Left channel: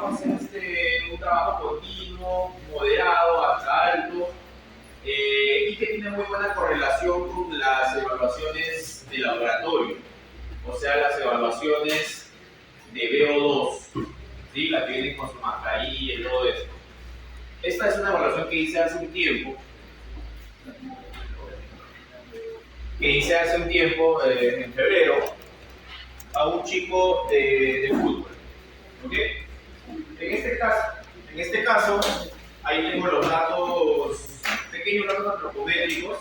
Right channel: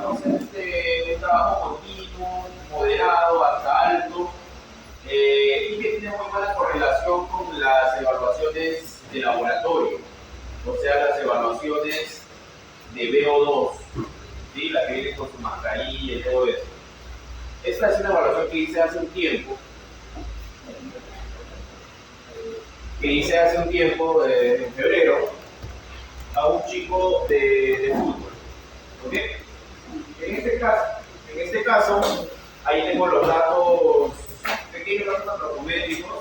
digamos, un trabajo continuo, moderado, hasta alto, y que tiene muy buena correlación con las evaluaciones de laboratorio, o sea, las evaluaciones de VO2, ¿sí? La que viene con su mascarilla y todo eso. Esta es una evaluación que hice hace un tiempo, en febrero, a un chico de fútbol. ¿Ok? En este caso, ahí tengo los datos, pequeños datos antropométricos,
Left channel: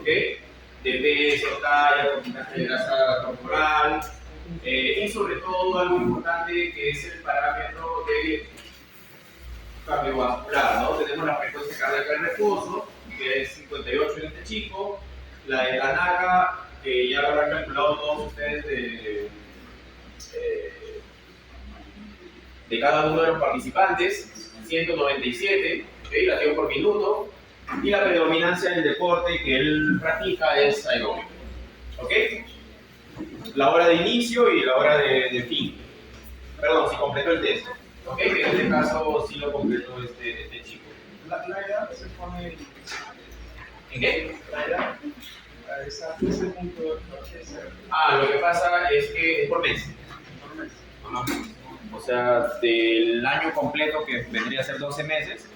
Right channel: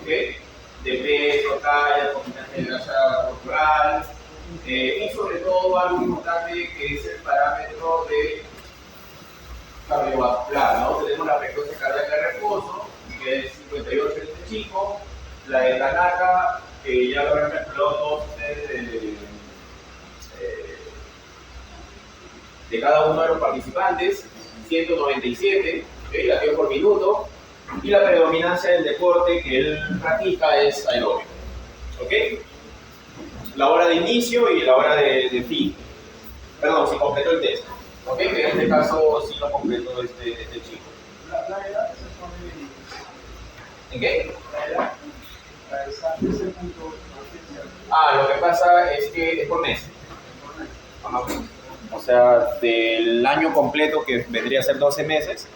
¿ok? De peso, talla, porcentaje de grasa corporal, y sobre todo algo importante que es el parámetro de cardiovascular, ¿no? Tenemos la frecuencia cardíaca de reposo, que es 58 en este chico, la de Tanaka, que ya lo habrán calculado todos ustedes de cada uno de los participantes, 197, ¿okay? Latidos por minuto, y la predominancia del deporte que él practica es aeróbico, ¿ok? La hora de inicio y la hora de fin. Perdón, si completó el test, ¿ok? Que en este caso sí lo completó este chico. La edad se pone... ¿En qué? La edad, ese punto... Lo que pasa es que es por mes. Por mes. Ajá. O sea, del año completo, que vendría a ser 12 meses,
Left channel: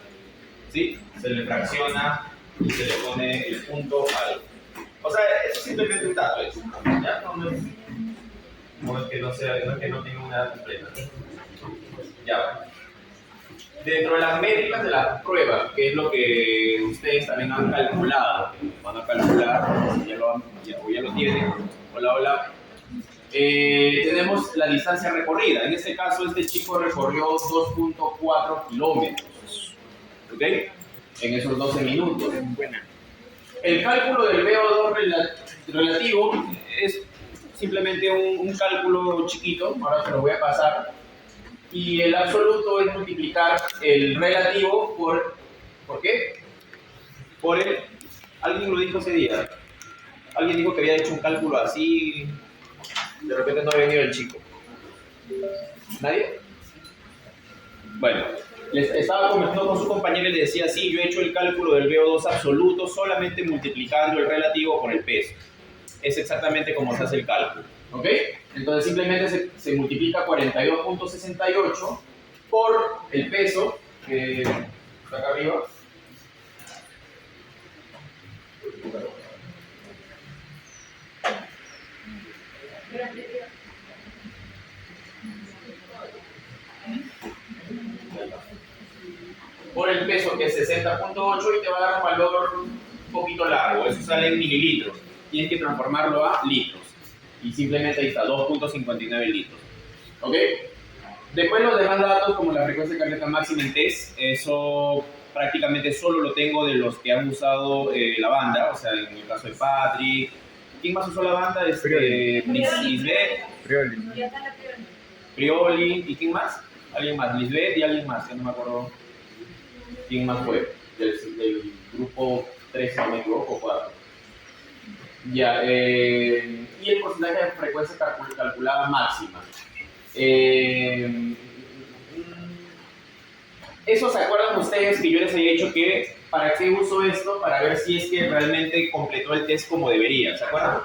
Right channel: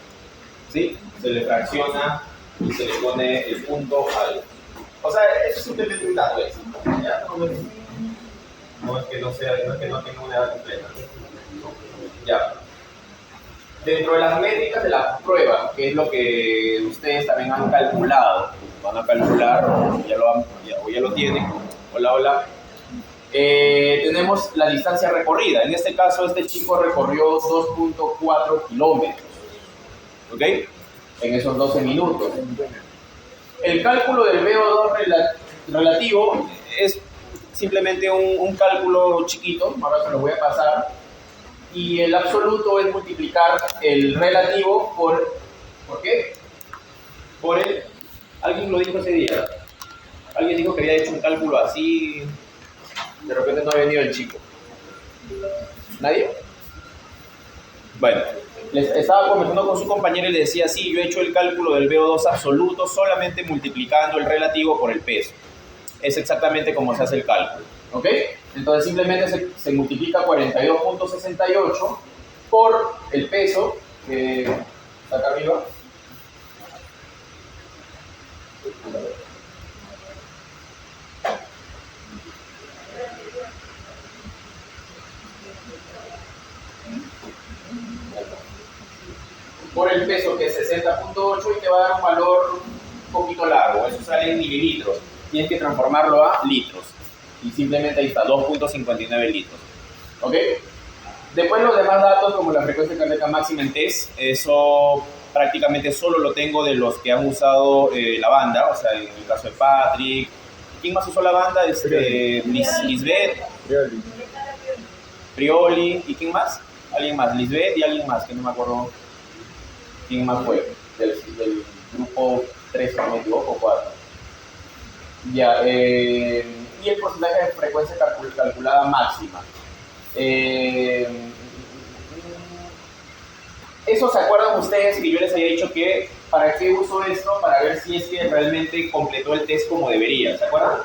¿sí? Se le fracciona y se le pone el punto al... O sea, eso es simplemente un dato, ¿es? ¿Ya? No es que no tenga una edad completa. Ya. Dentro de las métricas de la prueba, que es lo que ustedes también han calculado, van a calcular, o ya lo tienen, hola. Tenemos la distancia recorrida. En este caso, este chico recorrió 2.4 kilómetros, ¿ok? En esos 12 minutos. El cálculo del VO2 relativo es simplemente un cálculo chiquito, ahora se lo voy a pasar, y el absoluto es multiplicar el relativo ¿por qué? Por el, alguien lo dijo ese día, alguien dijo que había hecho un cálculo así, de repente no ha venido el chico. ¿Nadie? Bueno, les estaba conversando con su compañero y le decía, sí, yo he hecho el cálculo del VO2 absoluto solamente multiplicando el relativo por el peso. Es exactamente como se hace el cálculo, ¿ok? Entonces simplemente se multiplica 42.68 por el peso que está acá arriba. Por el peso, que es 60.8, y te va a dar un valor un poquito largo. Eso sale en mililitros. Tienes que transformarlo a litros. Y simplemente ahí está, 2.59 litros. ¿Ok? Después los demás datos, como la frecuencia cardíaca máxima en test, eso prácticamente solo lo tengo de los que han usado la banda. O sea, en el caso de Patrick. ¿Quién más usó la banda? Lisbeth. Prioli. ¿Y quién más? Alguien más. Lisbeth y alguien más, que no me acuerdo quién más fue. Del grupo 3, si no me equivoco, 4. Ya, y el porcentaje de frecuencia calculada máxima. Eso, ¿se acuerdan ustedes que yo les había dicho que para qué uso esto? Para ver si es que realmente completó el test como debería, ¿se acuerdan?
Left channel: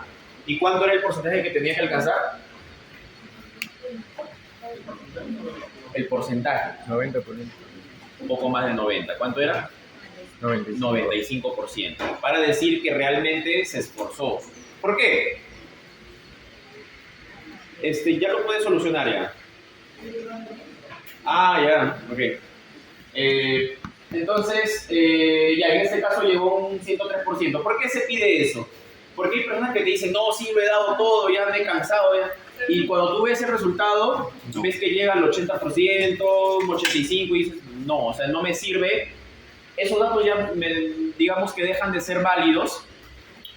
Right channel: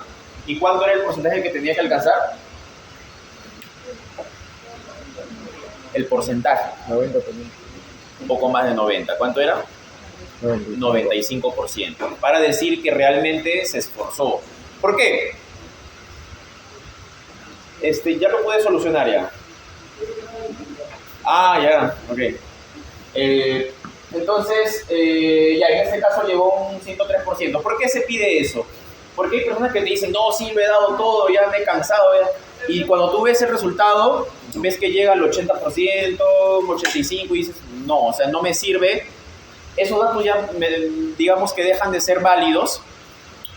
¿Y cuánto era el porcentaje que tenía que alcanzar? El porcentaje. 90%. Un poco más de 90. ¿Cuánto era? 95%. Para decir que realmente se esforzó. ¿Por qué? Ya lo puedes solucionar ya. Ya, ok. Entonces, ya en este caso llegó un 103%. ¿Por qué se pide eso? Porque hay personas que te dicen, no, sí, lo he dado todo, ya me he cansado, ya. Y cuando tú ves el resultado, ves que llega al 80%, 85%, y dices, no, o sea, no me sirve. Esos datos ya, digamos que dejan de ser válidos,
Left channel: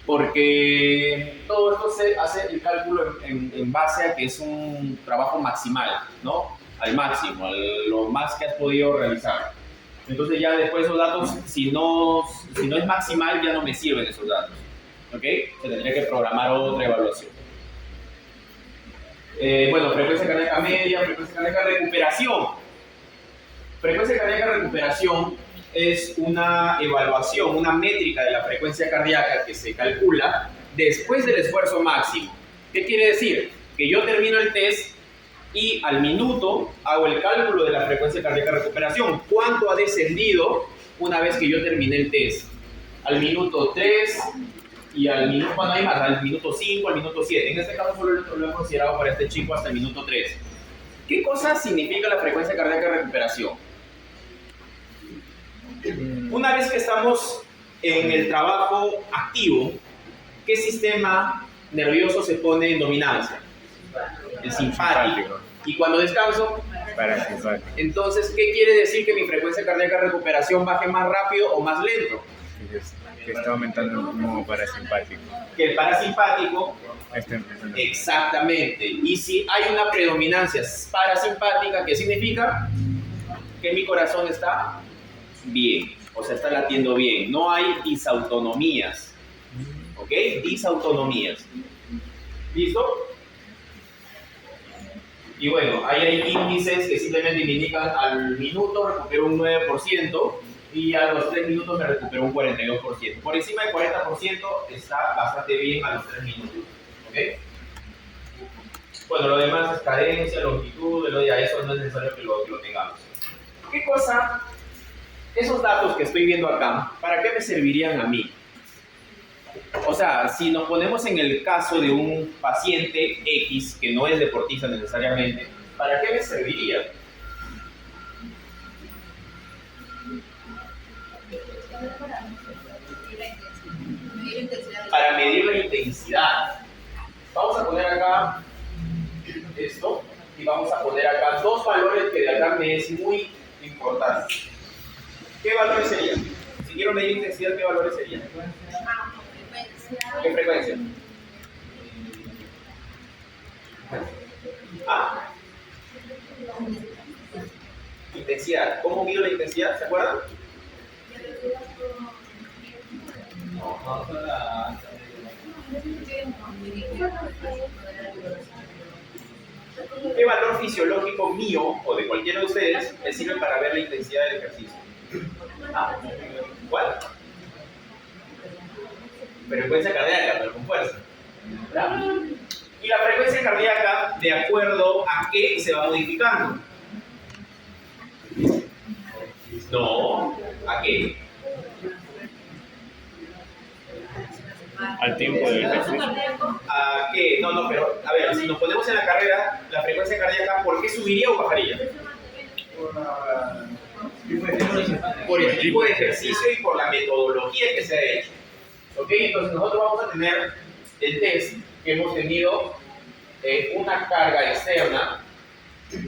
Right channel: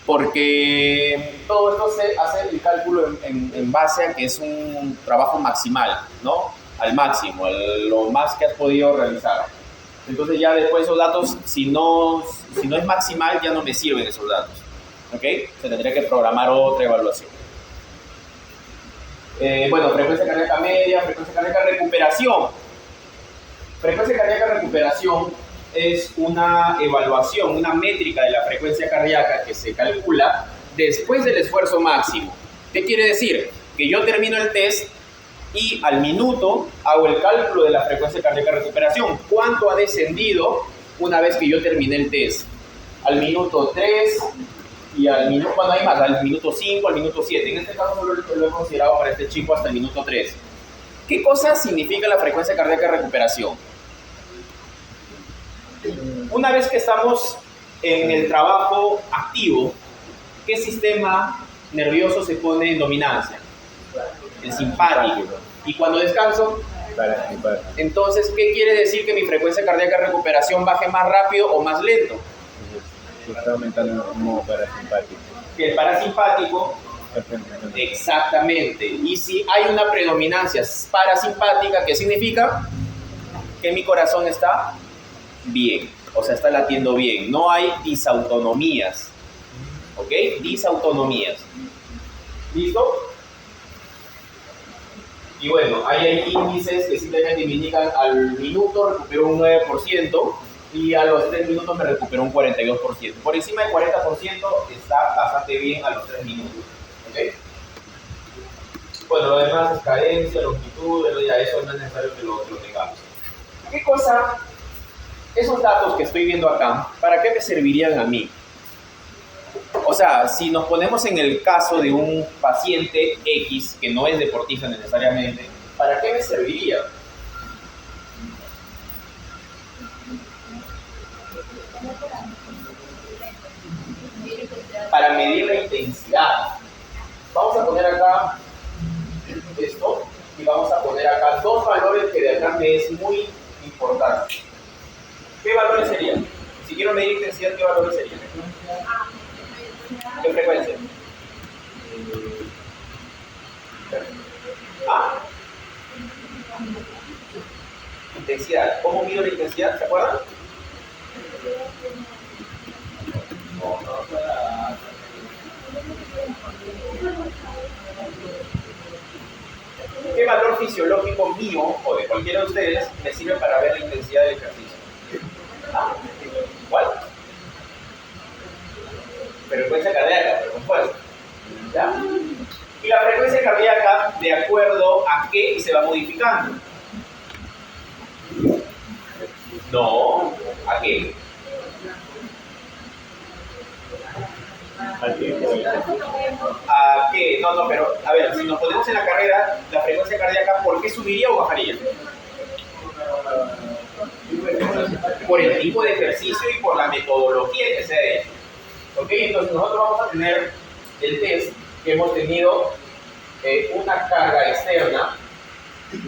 porque todo esto se hace el cálculo en base a que es un trabajo maximal, ¿no? Al máximo, lo más que has podido realizar. Entonces ya después esos datos, si no es maximal, ya no me sirven esos datos, ¿ok? Se tendría que programar otra evaluación. Bueno, frecuencia cardíaca media, frecuencia cardíaca recuperación. Frecuencia cardíaca de recuperación es una evaluación, una métrica de la frecuencia cardíaca que se calcula después del esfuerzo máximo. ¿Qué quiere decir? Que yo termino el test y al minuto hago el cálculo de la frecuencia cardíaca de recuperación. ¿Cuánto ha descendido una vez que yo terminé el test? Al minuto 3 y al minuto, cuando hay más, al minuto 5, al minuto 7. En este caso solo lo he considerado para este chico hasta el minuto 3. ¿Qué cosa significa la frecuencia cardíaca de recuperación? Una vez que estamos en el trabajo activo, ¿qué sistema nervioso se pone en dominancia? El simpático. ¿Y cuando descanso? Parasimpático. Entonces, ¿qué quiere decir que mi frecuencia cardíaca de recuperación baje más rápido o más lento? Que está aumentando el modo parasimpático. Que el parasimpático. Está empezando. Exactamente. Y si hay una predominancia parasimpática, ¿qué significa? Que mi corazón está bien, o sea, está latiendo bien. No hay disautonomías. ¿Ok? Disautonomías. ¿Listo? Y bueno, ahí hay índices que simplemente me indican al minuto recupero un 9% y a los 3 minutos me recupero un 42%. Por encima del 40% está bastante bien a los 3 minutos. ¿Ok? Bueno, lo demás es cadencia, longitud, ya eso no es necesario que lo tengamos. ¿Qué cosa? Esos datos que estoy viendo acá, ¿para qué me servirían a mí? O sea, si nos ponemos en el caso de un paciente X, que no es deportista necesariamente, ¿para qué me serviría? Para medir la intensidad. Vamos a poner acá esto y vamos a poner acá dos valores que de acá me es muy importante. ¿Qué valores serían? Si quiero medir intensidad, ¿qué valores serían? ¿Qué frecuencia? ¿Ah? Intensidad. ¿Cómo mido la intensidad? ¿Se acuerdan? ¿Qué valor fisiológico mío o de cualquiera de ustedes me sirve para ver la intensidad del ejercicio? ¿Ah? ¿Cuál? Frecuencia cardíaca, pero con fuerza. ¿Ya? Y la frecuencia cardíaca, ¿de acuerdo a qué se va modificando? No, ¿a qué? Al tiempo del ejercicio. ¿A qué? No, pero a ver, si nos ponemos en la carrera, la frecuencia cardíaca, ¿por qué subiría o bajaría? Por el tipo de ejercicio y por la metodología que se ha hecho. ¿Ok? Entonces nosotros vamos a tener el test que hemos tenido una carga externa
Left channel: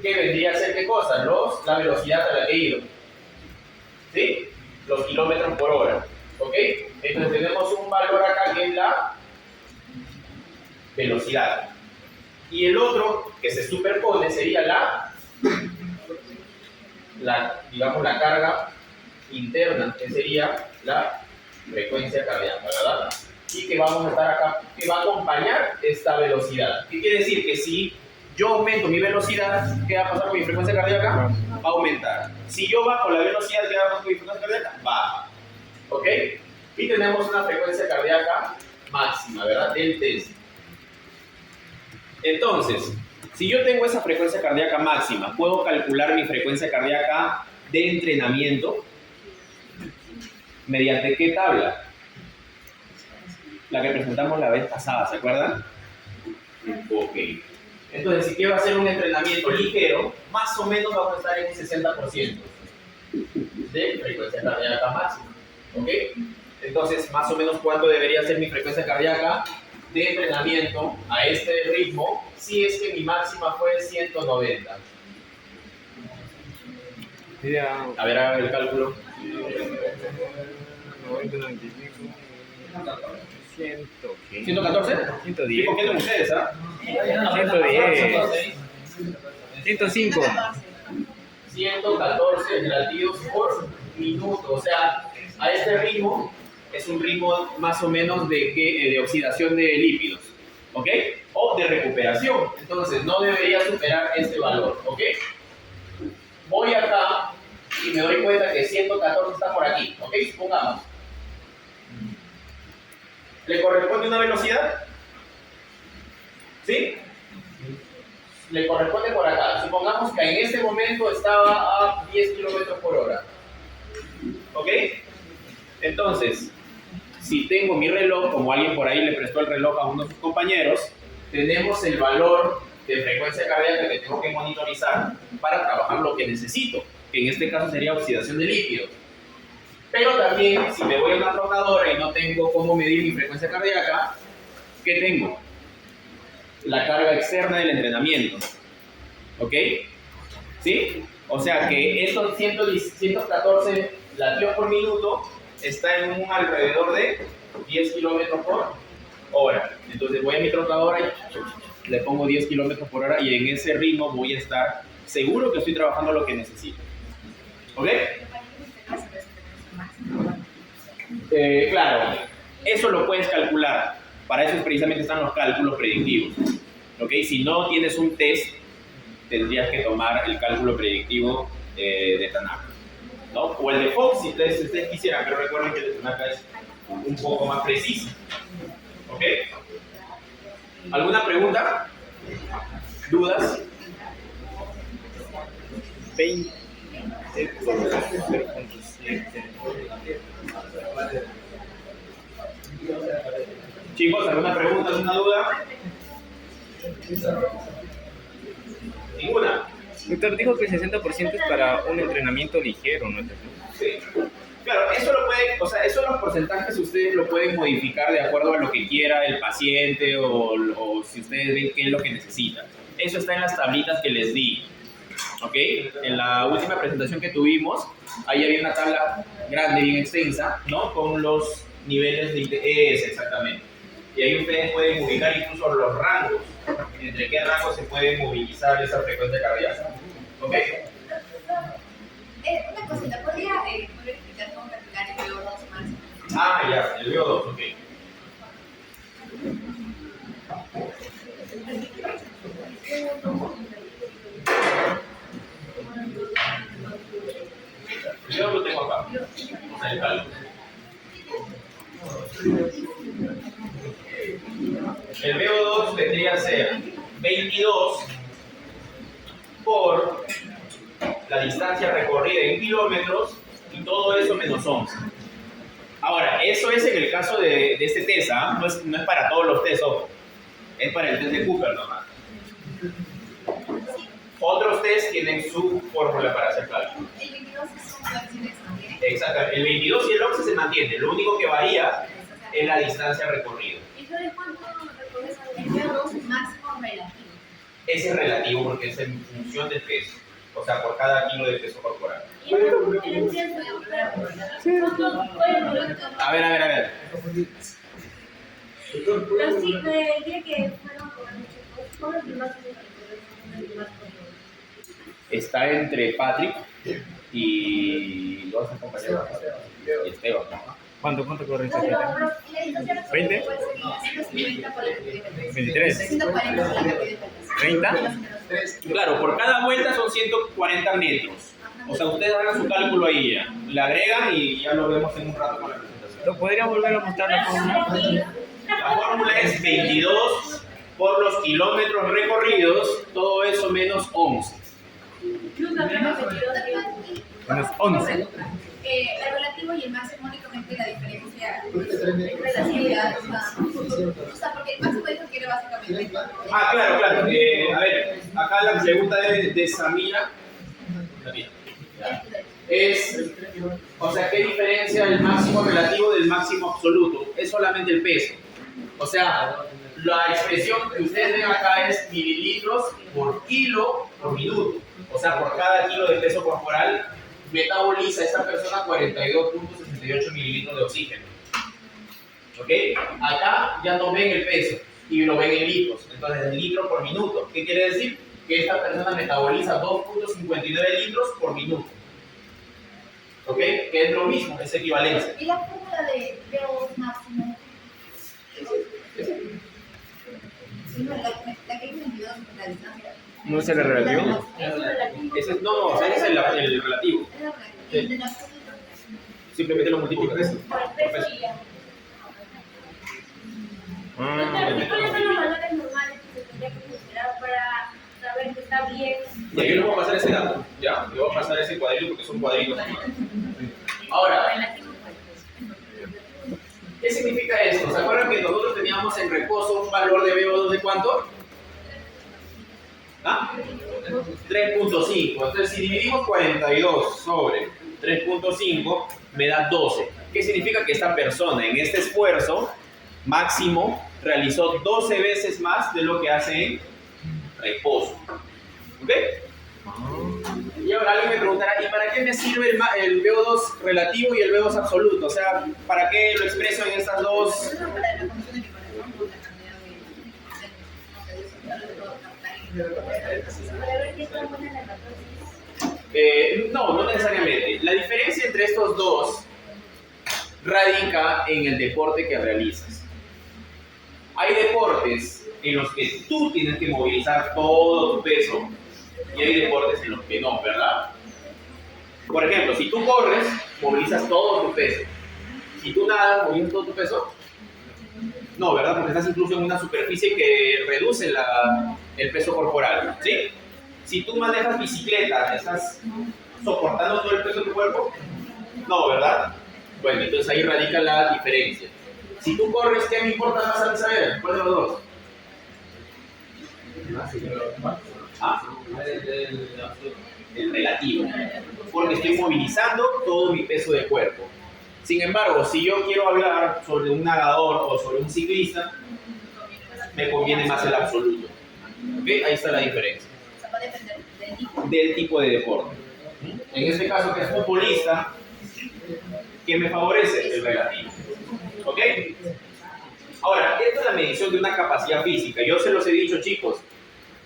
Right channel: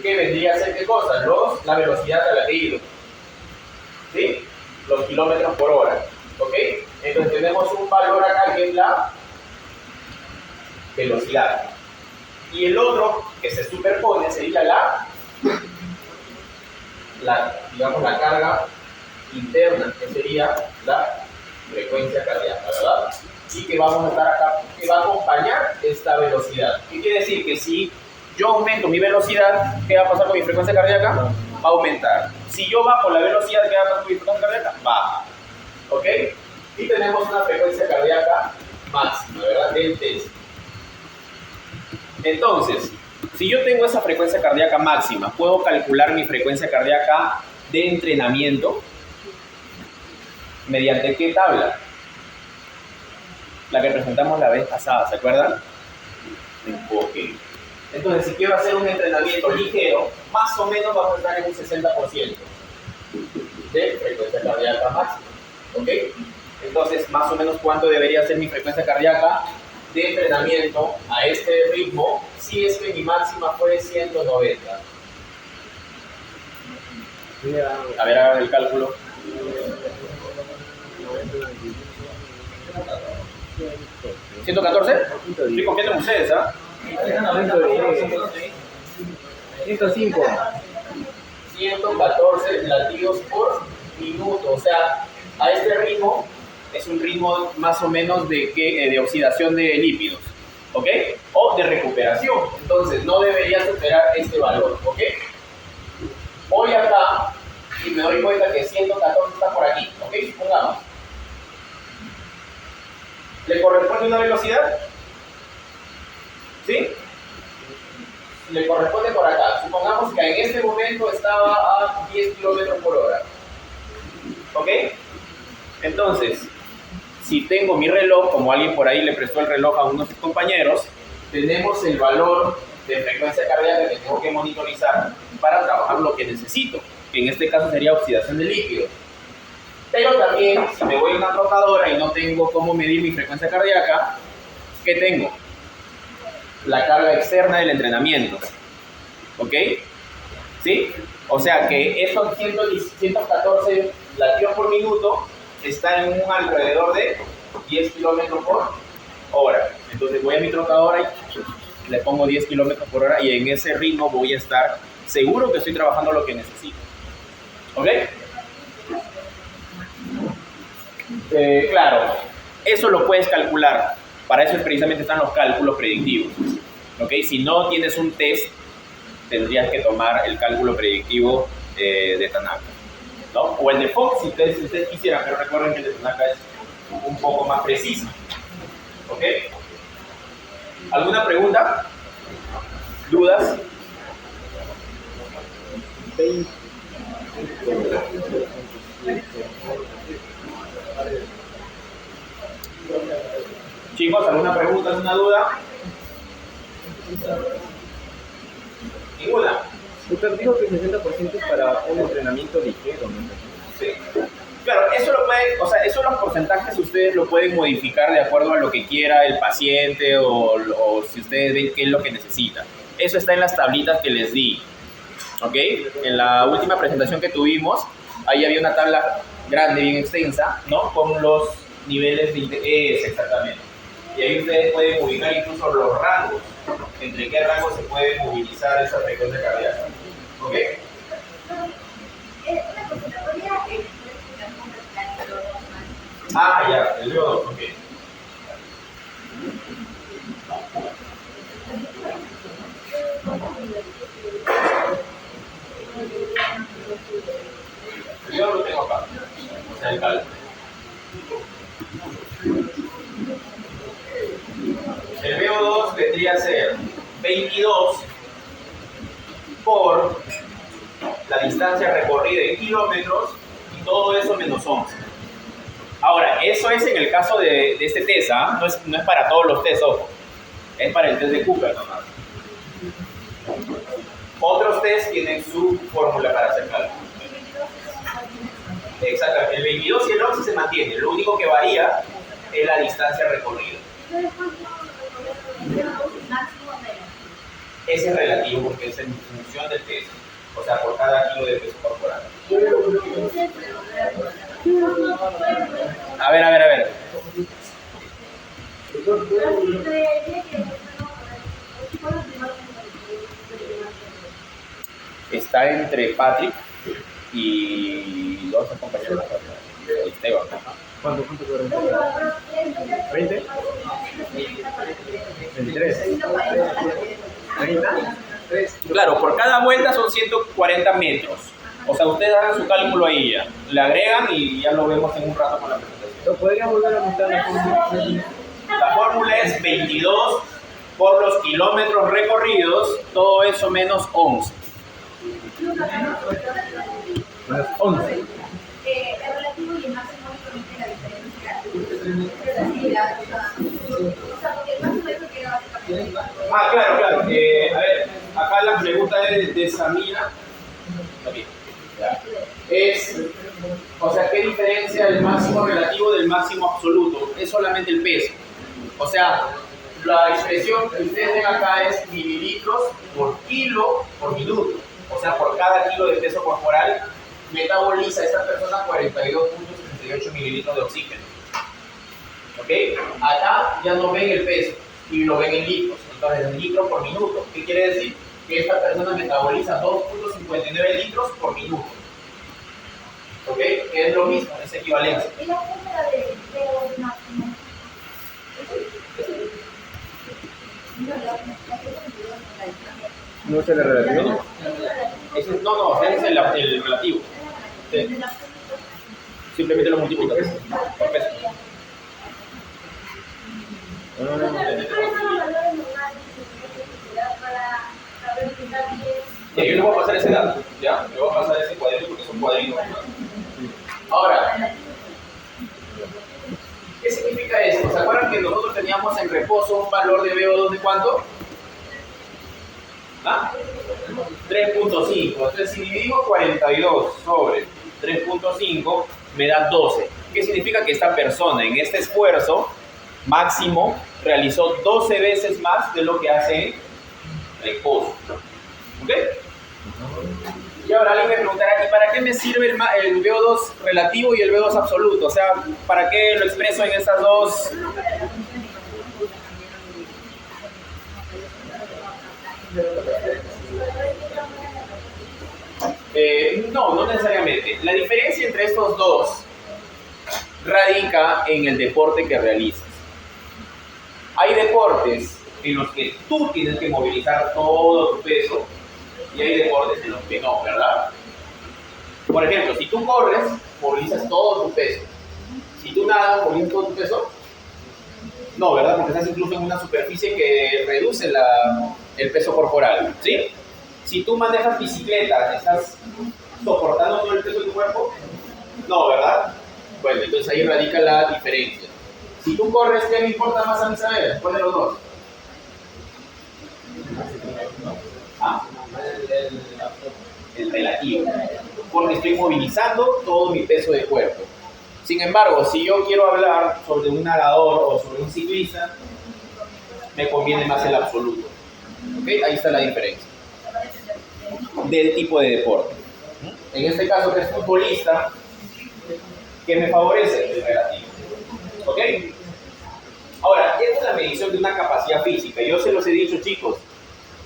que vendría a ser ¿qué cosa? La velocidad a la que he ido. ¿Sí? Los kilómetros por hora. ¿Ok? Entonces tenemos un valor acá que es la velocidad. Y el otro que se superpone sería digamos, la carga interna, que sería la frecuencia cardíaca, ¿verdad? Y que vamos a estar acá, que va a acompañar esta velocidad. ¿Qué quiere decir? Que si yo aumento mi velocidad, ¿qué va a pasar con mi frecuencia cardíaca? Va a aumentar. Si yo bajo la velocidad, ¿qué va a pasar con mi frecuencia cardíaca? Baja. ¿Ok? Y tenemos una frecuencia cardíaca máxima, ¿verdad? Del test. Entonces, si yo tengo esa frecuencia cardíaca máxima, ¿puedo calcular mi frecuencia cardíaca de entrenamiento? ¿Mediante qué tabla? La que presentamos la vez pasada, ¿se acuerdan? Ok. Entonces, si quiero hacer un entrenamiento ligero, más o menos vamos a estar en un 60% de frecuencia cardíaca máxima. ¿Ok? Entonces, más o menos, ¿cuánto debería ser mi frecuencia cardíaca de entrenamiento a este ritmo si es que mi máxima fue 190? A ver, hagan el cálculo. 90, 95, ¿114? 110. ¿Sí confían ustedes, ah? 110. 105. 114 latidos por minuto. O sea, a este ritmo es un ritmo más o menos de oxidación de lípidos, ¿ok? O de recuperación. Entonces, no debería superar este valor, ¿ok? Voy acá y me doy cuenta que 114 está por aquí, ¿ok? Supongamos. ¿Le corresponde una velocidad? ¿Sí? Le corresponde por acá. Supongamos que en este momento estaba a 10 kilómetros por hora. ¿Ok? Entonces, si tengo mi reloj, como alguien por ahí le prestó el reloj a uno de sus compañeros, tenemos el valor de frecuencia cardíaca que tengo que monitorizar para trabajar lo que necesito, que en este caso sería oxidación de líquidos. Pero también, si me voy a una trotadora y no tengo cómo medir mi frecuencia cardíaca, ¿qué tengo? La carga externa del entrenamiento. ¿Ok? ¿Sí? O sea que estos 114 latidos por minuto está en un alrededor de 10 kilómetros por hora. Entonces voy a mi trotadora y le pongo 10 kilómetros por hora y en ese ritmo voy a estar seguro que estoy trabajando lo que necesito. ¿Ok? Claro, eso lo puedes calcular. Para eso precisamente están los cálculos predictivos. ¿Ok? Si no tienes un test, tendrías que tomar el cálculo predictivo de Tanaka, ¿no? O el de Fox si ustedes quisieran, pero recuerden que el de Tanaka es un poco más preciso. ¿Ok? ¿Alguna pregunta? ¿Dudas? 20 por 0.7. Chicos, ¿alguna pregunta, alguna duda? ¿Ninguna? Doctor, dijo que el 60% es para un entrenamiento ligero, ¿no? Sí. Claro, eso lo pueden, o sea, esos los porcentajes ustedes lo pueden modificar de acuerdo a lo que quiera el paciente o si ustedes ven qué es lo que necesita. Eso está en las tablitas que les di. ¿Ok? En la última presentación que tuvimos, ahí había una tabla grande, bien extensa, ¿no? Con los niveles de interés, exactamente. Y ahí ustedes pueden ubicar incluso los rangos, entre qué rango se puede movilizar esa frecuencia cardíaca. ¿Ok? Una cosita, ¿podría explicar cómo practicar el VO2 más? Ah, ya, el VO2, ok. El VO2 lo tengo acá, o sea, el cálculo. El VO2 vendría a ser 22 por la distancia recorrida en kilómetros y todo eso menos 11. Ahora, eso es en el caso de este test, ¿ah? No es para todos los tests, ojo. Es para el test de Cooper nomás. Otros tests tienen su fórmula para hacer cálculo. El 22 es un máximo exponente. Exacto, el 22 y el 11 se mantiene, lo único que varía es la distancia recorrida. ¿Y yo después el VO2 máximo relativo? Ese es relativo porque es en función del peso, o sea, por cada kilo de peso corporal. A ver. Está entre Patrick y dos compañeros, Esteban. ¿Cuánto corre esta clase? ¿20? ¿23? ¿30? Claro, por cada vuelta son 140 metros. O sea, ustedes hagan su cálculo ahí ya. Le agregan y ya lo vemos en un rato con la presentación. ¿Podrías volver a mostrar la fórmula? La fórmula es 22 por los kilómetros recorridos, todo eso menos 11. Menos 11. El relativo y el máximo únicamente la diferencia de relatividad. O sea, porque el máximo es lo que era básicamente. Ah, claro. A ver, acá la pregunta de Samira. También. Es, o sea, ¿qué diferencia el máximo relativo del máximo absoluto? Es solamente el peso. O sea, la expresión que ustedes ven acá es mililitros por kilo por minuto. O sea, por cada kilo de peso corporal metaboliza esta persona 42.68 mililitros de oxígeno. ¿Ok? Acá ya no ven el peso y lo ven en litros. Entonces, en litros por minuto. ¿Qué quiere decir? Que esta persona metaboliza 2.59 litros por minuto. ¿Ok? Que es lo mismo, es equivalencia. ¿Y la fórmula de VO2 máximo? No, la que es 22 es la distancia. ¿No es el relativo? Ese es, no, ese es el relativo. Sí. Y de la punto, Simplemente lo multiplicas. Por peso. Ah, ¿Cuáles son los valores normales que se tienen que considerar para saber que está bien? Ya, yo les voy a pasar ese dato, ¿ya? Le voy a pasar ese cuadrito porque son cuadritos. Ahora, relativo. ¿qué significa esto? ¿Se acuerdan que nosotros teníamos en reposo un valor de VO2 de cuánto? ¿Ah? 3.5. Entonces, si dividimos 42 sobre 3.5, me da 12. ¿Qué significa? Que esta persona en este esfuerzo máximo realizó 12 veces más de lo que hace en reposo. ¿Ok? Y ahora alguien me preguntará, ¿y para qué me sirve el VO2 relativo y el VO2 absoluto? O sea, ¿para qué lo expreso en estas dos? No necesariamente. La diferencia entre estos dos radica en el deporte que realizas. Hay deportes en los que tú tienes que movilizar todo tu peso y hay deportes en los que no, ¿verdad? Por ejemplo, si tú corres, movilizas todo tu peso. Si tú nadas, movilizas todo tu peso. No, ¿verdad? Porque estás incluso en una superficie que reduce el peso corporal, ¿sí? Si tú manejas bicicleta, ¿estás soportando todo el peso de tu cuerpo? No, ¿verdad? Bueno, entonces ahí radica la diferencia. Si tú corres, ¿qué me importa más a mí saber? ¿Cuál de los dos? Ah, el relativo. Porque estoy movilizando todo mi peso de cuerpo. Sin embargo, si yo quiero hablar sobre un nadador o sobre un ciclista, me conviene más el absoluto. ¿Ok? Ahí está la diferencia. Del tipo de deporte. En este caso, que es futbolista, ¿qué me favorece? El relativo. ¿Ok? Ahora, esta es la medición de una capacidad física. Yo se los he dicho, chicos,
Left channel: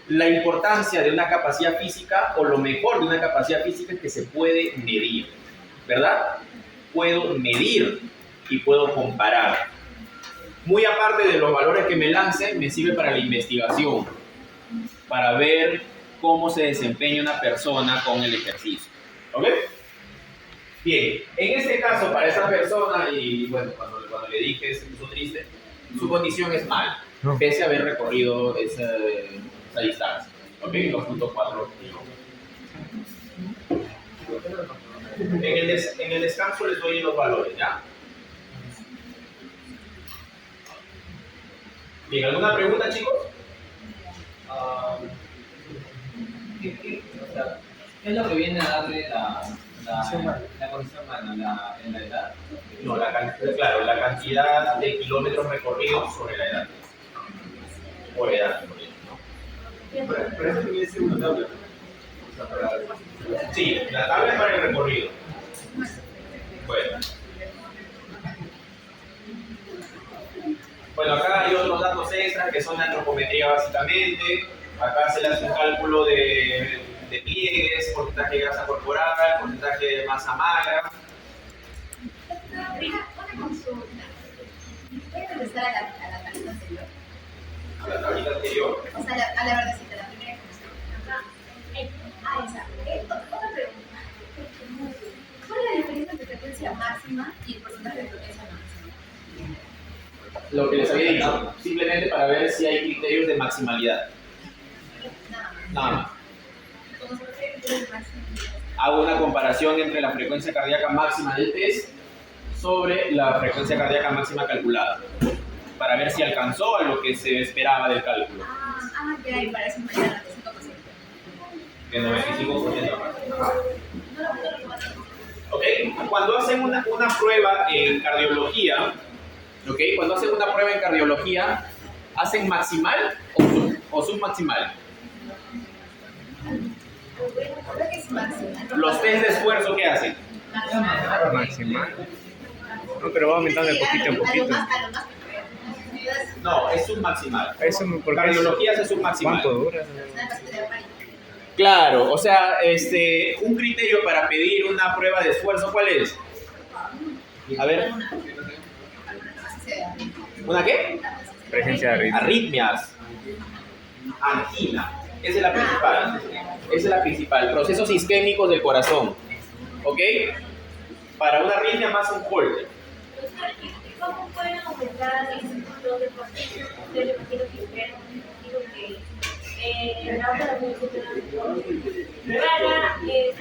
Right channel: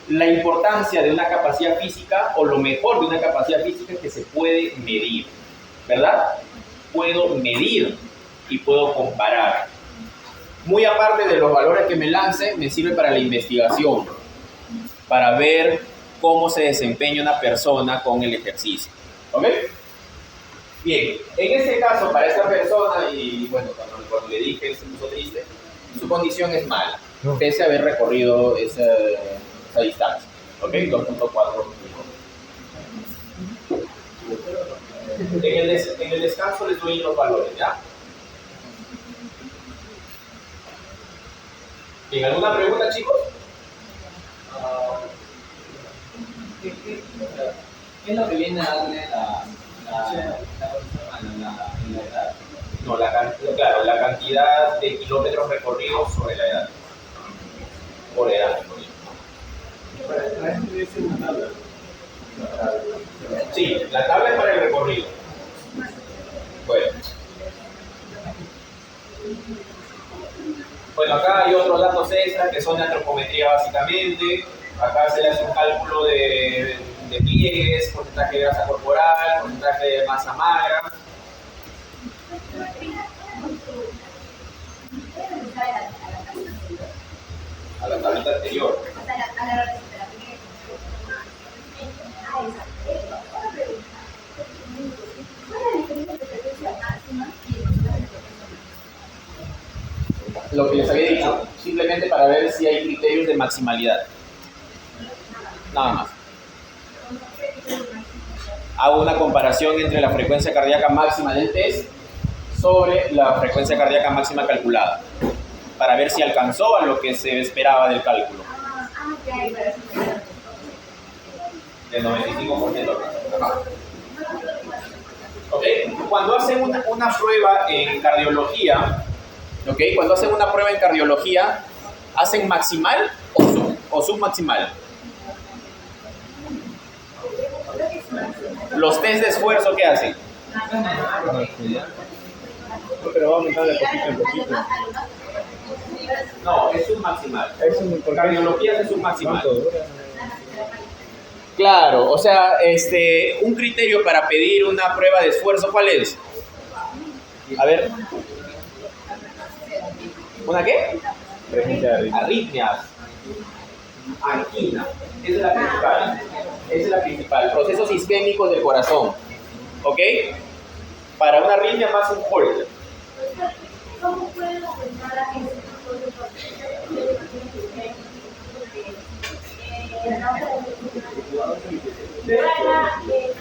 la importancia de una capacidad física o lo mejor de una capacidad física es que se puede medir, ¿verdad? Puedo medir y puedo comparar. Muy aparte de los valores que me lance, me sirve para la investigación, para ver cómo se desempeña una persona con el ejercicio. ¿Ok? Bien, en este caso, para esta persona, y bueno, cuando le dije, se puso triste, su condición es mala, pese a haber recorrido esa distancia. ¿Ok? 2.4 kilómetros. En el descanso les doy los valores, ¿ya? Bien, ¿alguna pregunta, chicos? ¿Qué es lo que viene a darle la condición humana en la edad? No, claro, la cantidad de kilómetros recorridos sobre la edad. Por edad, por ejemplo. Para eso tiene que ser una tabla. Sí, la tabla es para el recorrido. Bueno, acá hay otros datos extras que son de antropometría básicamente. Acá se le hace un cálculo de pliegues, porcentaje de grasa corporal, porcentaje de masa magra. Una consulta. ¿Puedes regresar a la tablita anterior? A la tablita anterior. O sea, a la verdecita, la primera que nos esa. Otra pregunta. ¿Cuál es la diferencia entre frecuencia máxima y el porcentaje de progreso máximo? Lo que les había dicho, simplemente para ver si hay criterios de maximalidad. Nada más. Hago una comparación entre la frecuencia cardíaca máxima del test sobre la frecuencia cardíaca máxima calculada, para ver si alcanzó a lo que se esperaba del cálculo. Ya, y para eso me da Del 95%. Ajá. ¿Ok? Cuando hacen una prueba en cardiología, ¿ok? Cuando hacen una prueba en cardiología, ¿hacen maximal o submaximal? Los test de esfuerzo, ¿qué hacen? Maximal. No, pero va aumentando de poquito en poquito. No, es submaximal. ¿Por qué? Cardiología es submaximal. ¿Cuánto dura? Claro, o sea, un criterio para pedir una prueba de esfuerzo, ¿cuál es? A ver. ¿Una qué? Presencia de ritmo. Arritmias. Angina. Esa es la principal. Esa es la principal. Procesos isquémicos del corazón. ¿ok? Para una arritmia más un holter. ¿Cómo pueden aumentar el punto de potencia? Yo le quiero que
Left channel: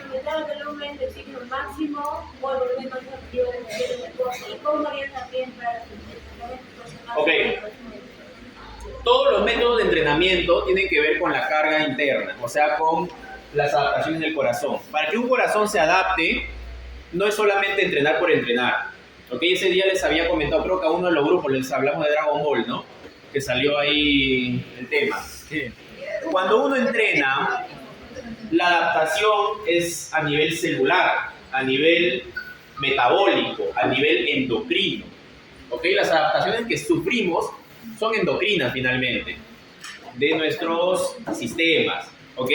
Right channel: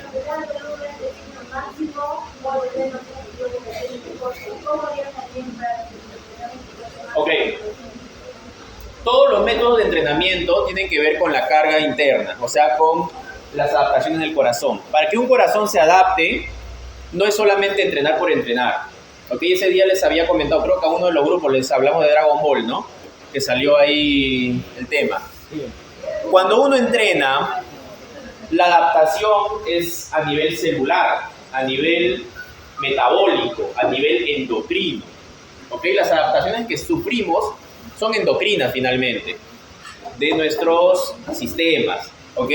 aumentar el volumen de signo máximo o el menos activo de potencia del deporte. ¿Y cómo harían también para Ok. Todos los métodos de entrenamiento tienen que ver con la carga interna, o sea, con las adaptaciones del corazón. Para que un corazón se adapte, no es solamente entrenar por entrenar. Ok, ese día les había comentado, creo que a uno de los grupos les hablamos de Dragon Ball, ¿no? Que salió ahí el tema. Sí. Cuando uno entrena, la adaptación es a nivel celular, a nivel metabólico, a nivel endocrino. ¿Ok? Las adaptaciones que sufrimos son endocrinas finalmente, de nuestros sistemas. ¿Ok?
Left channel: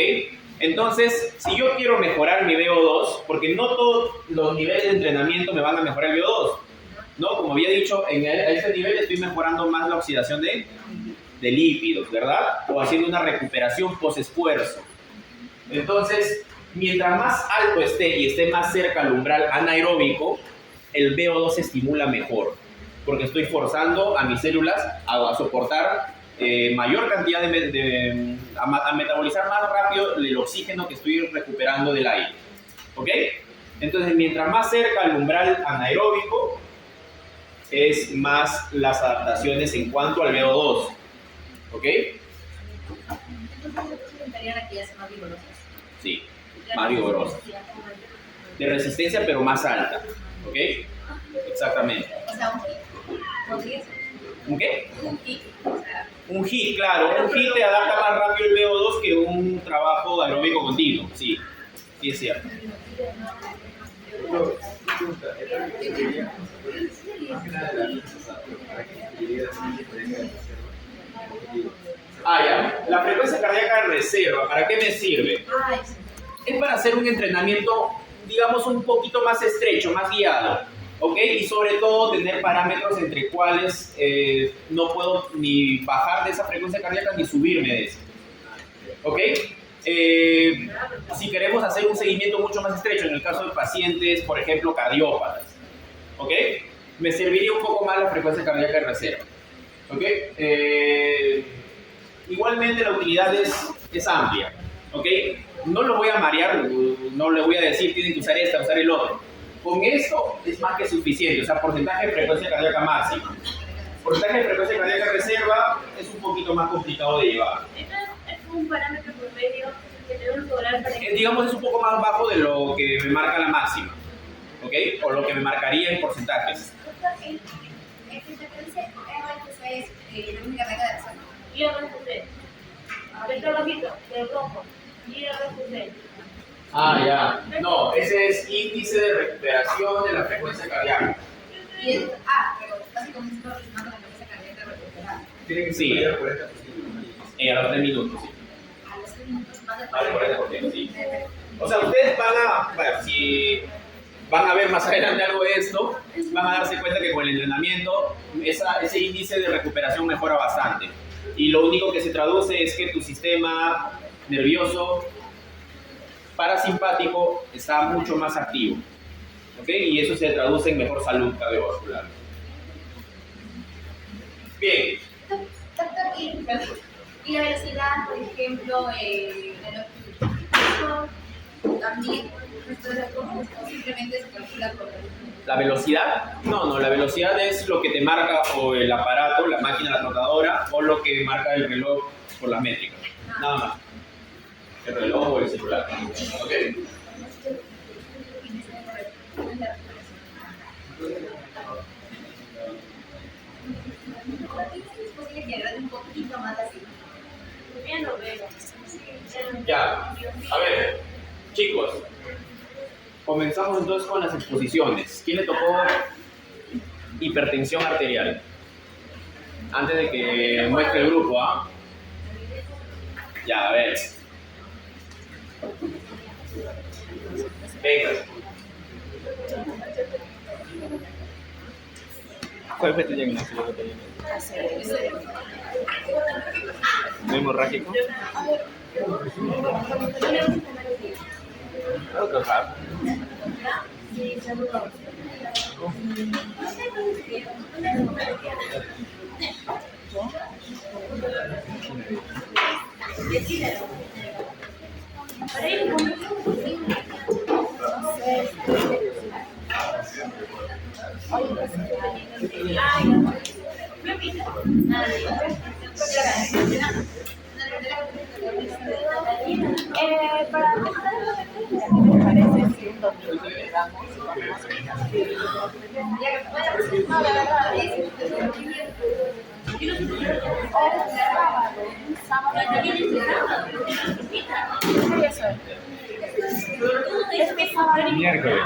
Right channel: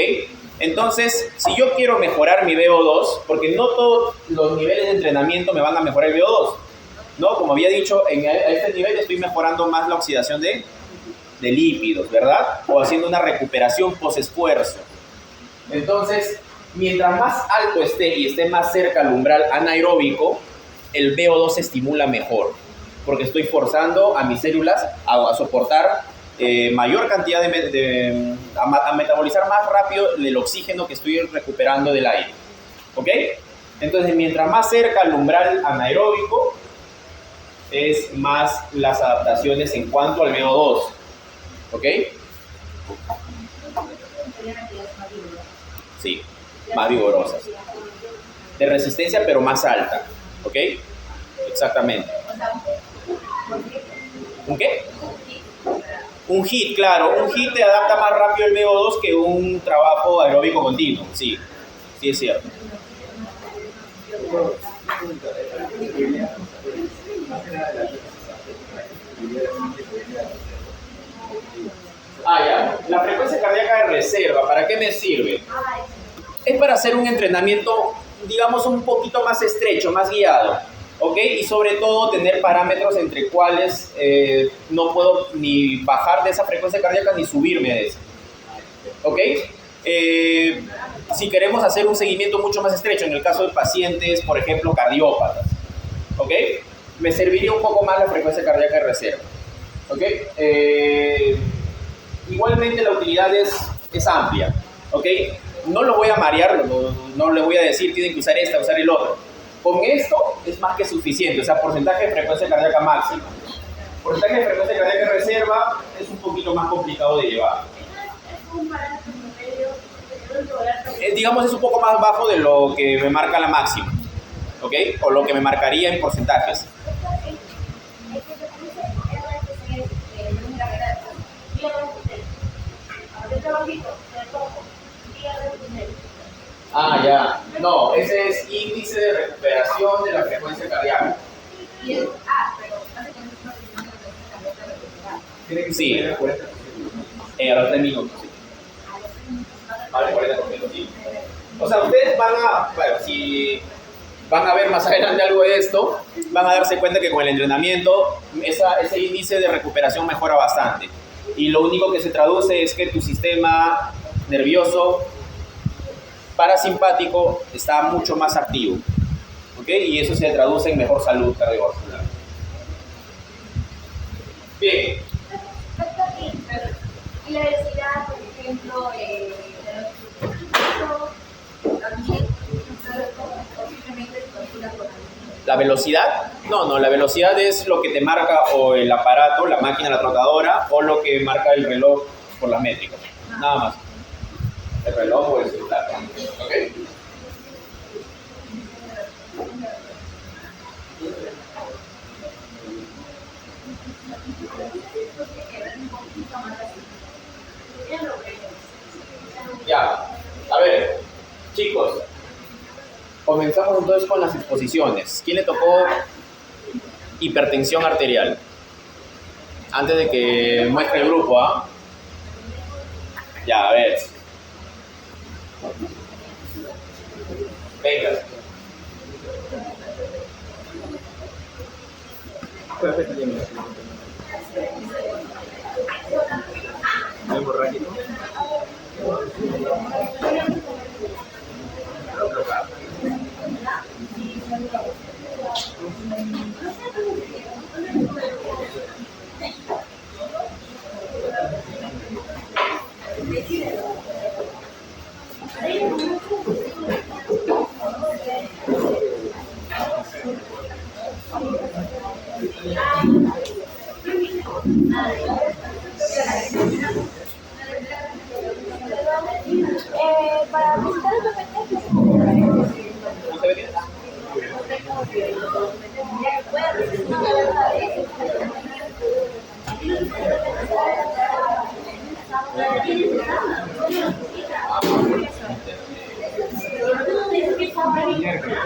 Entonces, si yo quiero mejorar mi VO2, porque no todos los niveles de entrenamiento me van a mejorar el VO2, ¿no? Como había dicho, a este nivel estoy mejorando más la oxidación de lípidos, ¿verdad? O haciendo una recuperación post-esfuerzo. Entonces, mientras más alto esté y esté más cerca al umbral anaeróbico, el VO2 se estimula mejor, porque estoy forzando a mis células a soportar mayor cantidad a metabolizar más rápido el oxígeno que estoy recuperando del aire. ¿Ok? Entonces, mientras más cerca al umbral anaeróbico, es más las adaptaciones en cuanto al VO2. ¿Ok? Sí, más vigorosas. De resistencia, pero más alta. ¿Ok? Exactamente. ¿Un qué? Un HIIT, claro. Un HIIT te adapta más rápido el VO2 que un trabajo aeróbico continuo. Sí, sí es cierto. Ya. La frecuencia cardíaca de reserva, ¿para qué me sirve? Es para hacer un entrenamiento, digamos, un poquito más estrecho, más guiado. ¿Ok? Y sobre todo tener parámetros entre cuales no puedo ni bajar de esa frecuencia cardíaca ni subirme de esa. ¿Ok? Si queremos hacer un seguimiento mucho más estrecho, en el caso de pacientes, por ejemplo, cardiópatas. ¿Ok? Me serviría un poco más la frecuencia cardíaca de reserva. ¿Ok? Igualmente la utilidad es amplia. ¿Ok? No lo voy a marear, no le voy a decir tienen que usar esta, usar el otro. Con esto es más que suficiente, o sea, porcentaje de frecuencia cardíaca máxima. Porcentaje de frecuencia cardíaca reserva es un poquito más complicado de llevar. ¿Es un parámetro promedio que tenemos que lograr para Digamos, es un poco más bajo de lo que me marca la máxima, ¿ok? O lo que me marcaría en porcentajes. El que te parece RFC es la única regla de suelo. y RFC? El trabajito, del rojo. Y RFC. Ya. No, ese es índice de recuperación de la frecuencia cardíaca. Y es, pero básicamente es una frecuencia cardíaca recuperada. Tiene que Sí. ser 40%. A los 3 minutos, sí. A los 3 minutos más de A los 40%, sí. O sea, ustedes si van a ver más adelante algo de esto, van a darse cuenta que con el entrenamiento ese índice de recuperación mejora bastante. Y lo único que se traduce es que tu sistema nervioso parasimpático está mucho más activo. ¿Ok? Y eso se traduce en mejor salud cardiovascular. Bien. Y la velocidad, por ejemplo, también simplemente se calcula por ¿La velocidad? No, la velocidad es lo que te marca o el aparato, la máquina, la trotadora, o lo que marca el reloj por las métricas. Nada más. El reloj o el celular. ¿Ok? un poquito más así. Ya. A ver, chicos. Comenzamos entonces con las exposiciones. ¿Quién le tocó hipertensión arterial? Antes de que muestre el grupo, ¿ah? Ya, a ver. Venga. ¿Cuál fue tu diagnóstico? ¿No hemorrágico? Para empezar a competencia, me parece. Ya que puedas, no me va a dar eso. Miércoles.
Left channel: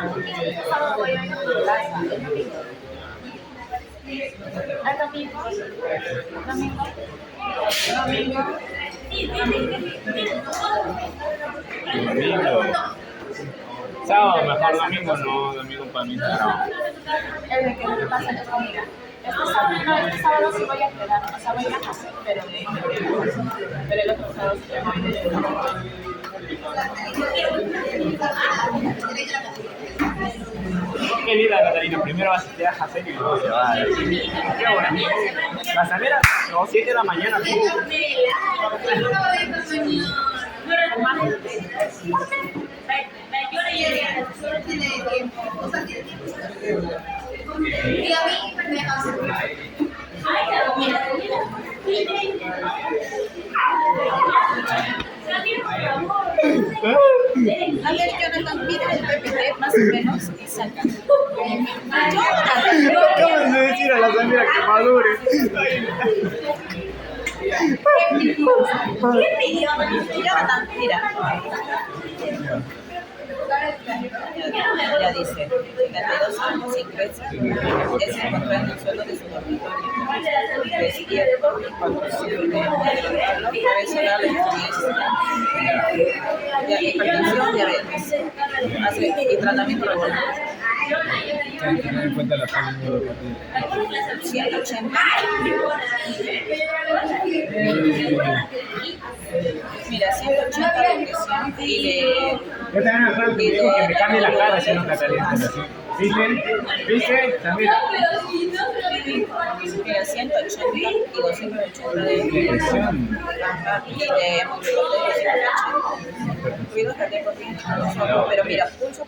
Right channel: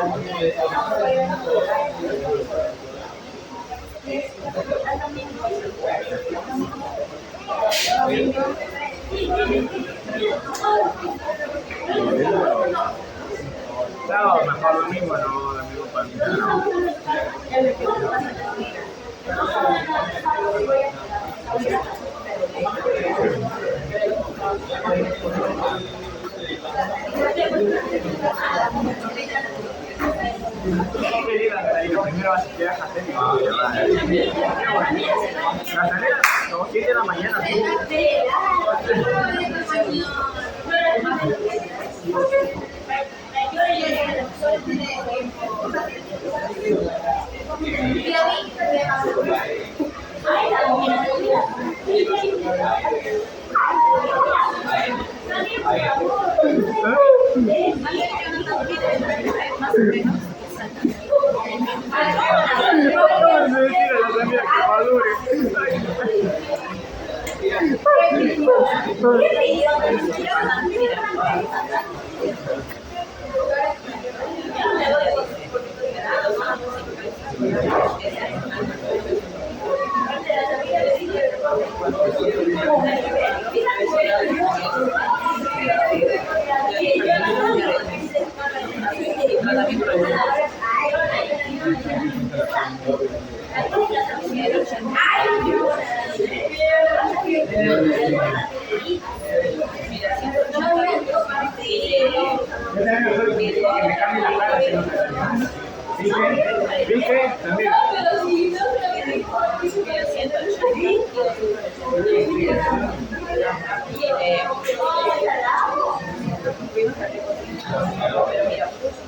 Sábado mejor, domingo no, domingo para mí no. El que me pasa es que mira, este sábado sí voy a quedar, o sea, voy a ir a casa, pero el otro sábado sí me voy a ir. Qué linda Catalina, primero vas a estudiar a hacer y luego te vas a ir. La salida, no, 7 de la mañana. Más o menos y saca. Acabas de decir a las amigas que madure. Ya dice, 22 años sin crecer, es encontrar el suelo de su y tratamiento mira, 180 Yo también me acuerdo que me dijo que me cambie la cara haciendo Catalina. ¿Viste? ¿Viste? También. mira, 180 y 280 de dirección. Pero mira, mucho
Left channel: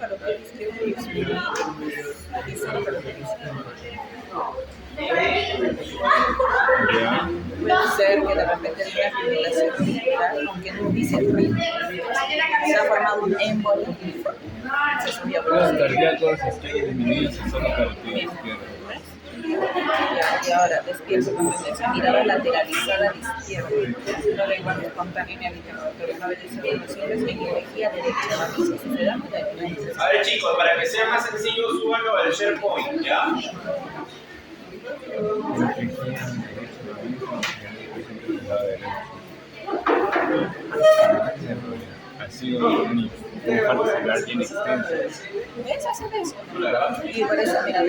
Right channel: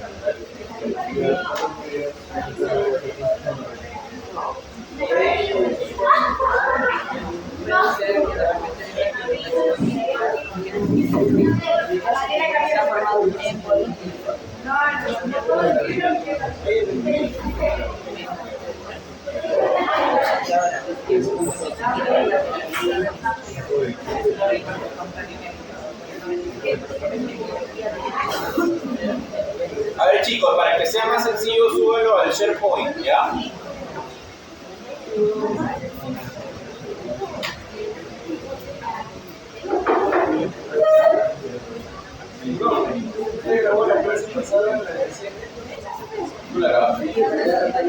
puede ser que de repente hay una fibrilación aunque no dice ruido. Se ha formado un émbolo. Y ahora despierto con mirada lateralizada a la izquierda. Recuerdo contagiarme pero una vez en energía derecha. A ver chicos, para que sea más sencillo, súbelo al SharePoint, ¿ya? Así, ¿Tú la grabaste? Y por eso, mira,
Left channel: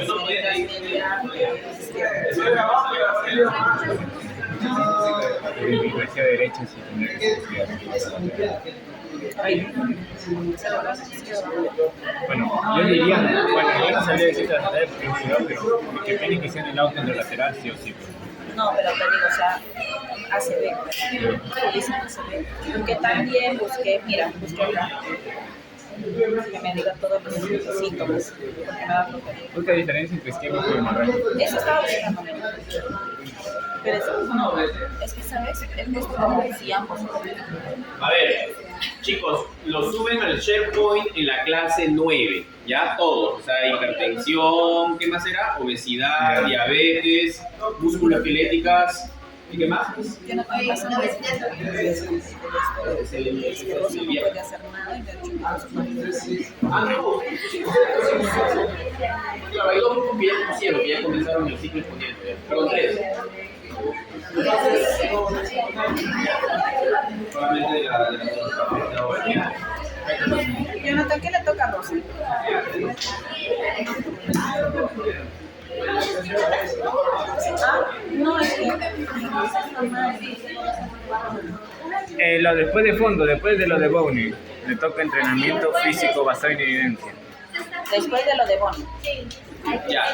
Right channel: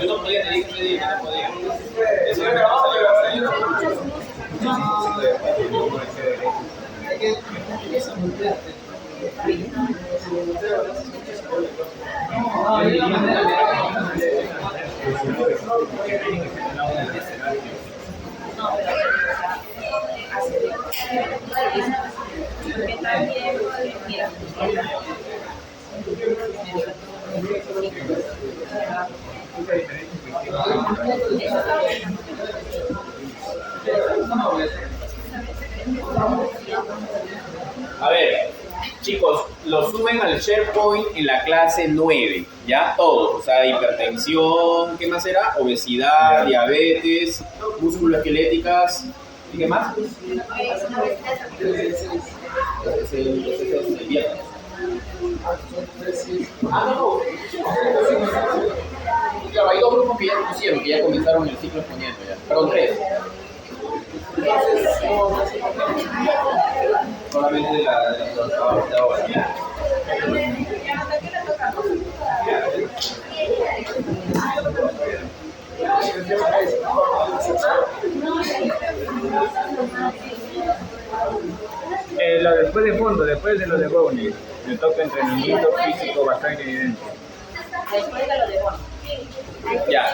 Yo no podía, nadie no podía. Eso lo grabamos, lo grabamos. hacia derecha. Bueno, yo diría, bueno, yo no sabía decir la verdad, pero que tiene que ser el lado de la lateral, sí o sí. no, pero te digo, o sea, hace bien. Porque también busqué, mira, busqué que me diga todos los síntomas. ¿Qué diferencia investigos? Eso estaba buscando. Pero eso no, es que sabes, como decíamos. A ver, chicos, lo suben al SharePoint en la clase 9, ¿ya? Todos, o sea, hipertensión, ¿qué más era? Obesidad, diabetes, musculoesqueléticas, ¿y qué más? Ah, no. Claro, hay dos grupos que ya pusieron, que ya comenzaron el ciclo exponiendo, ya. Perdón, 3. Solamente de ahora. Yo noté que le toca a Rosa. Lo después de fondo, después de lo de Bowney, le toca entrenamiento físico basado en evidencia. Después de lo de Bonnie. Ya.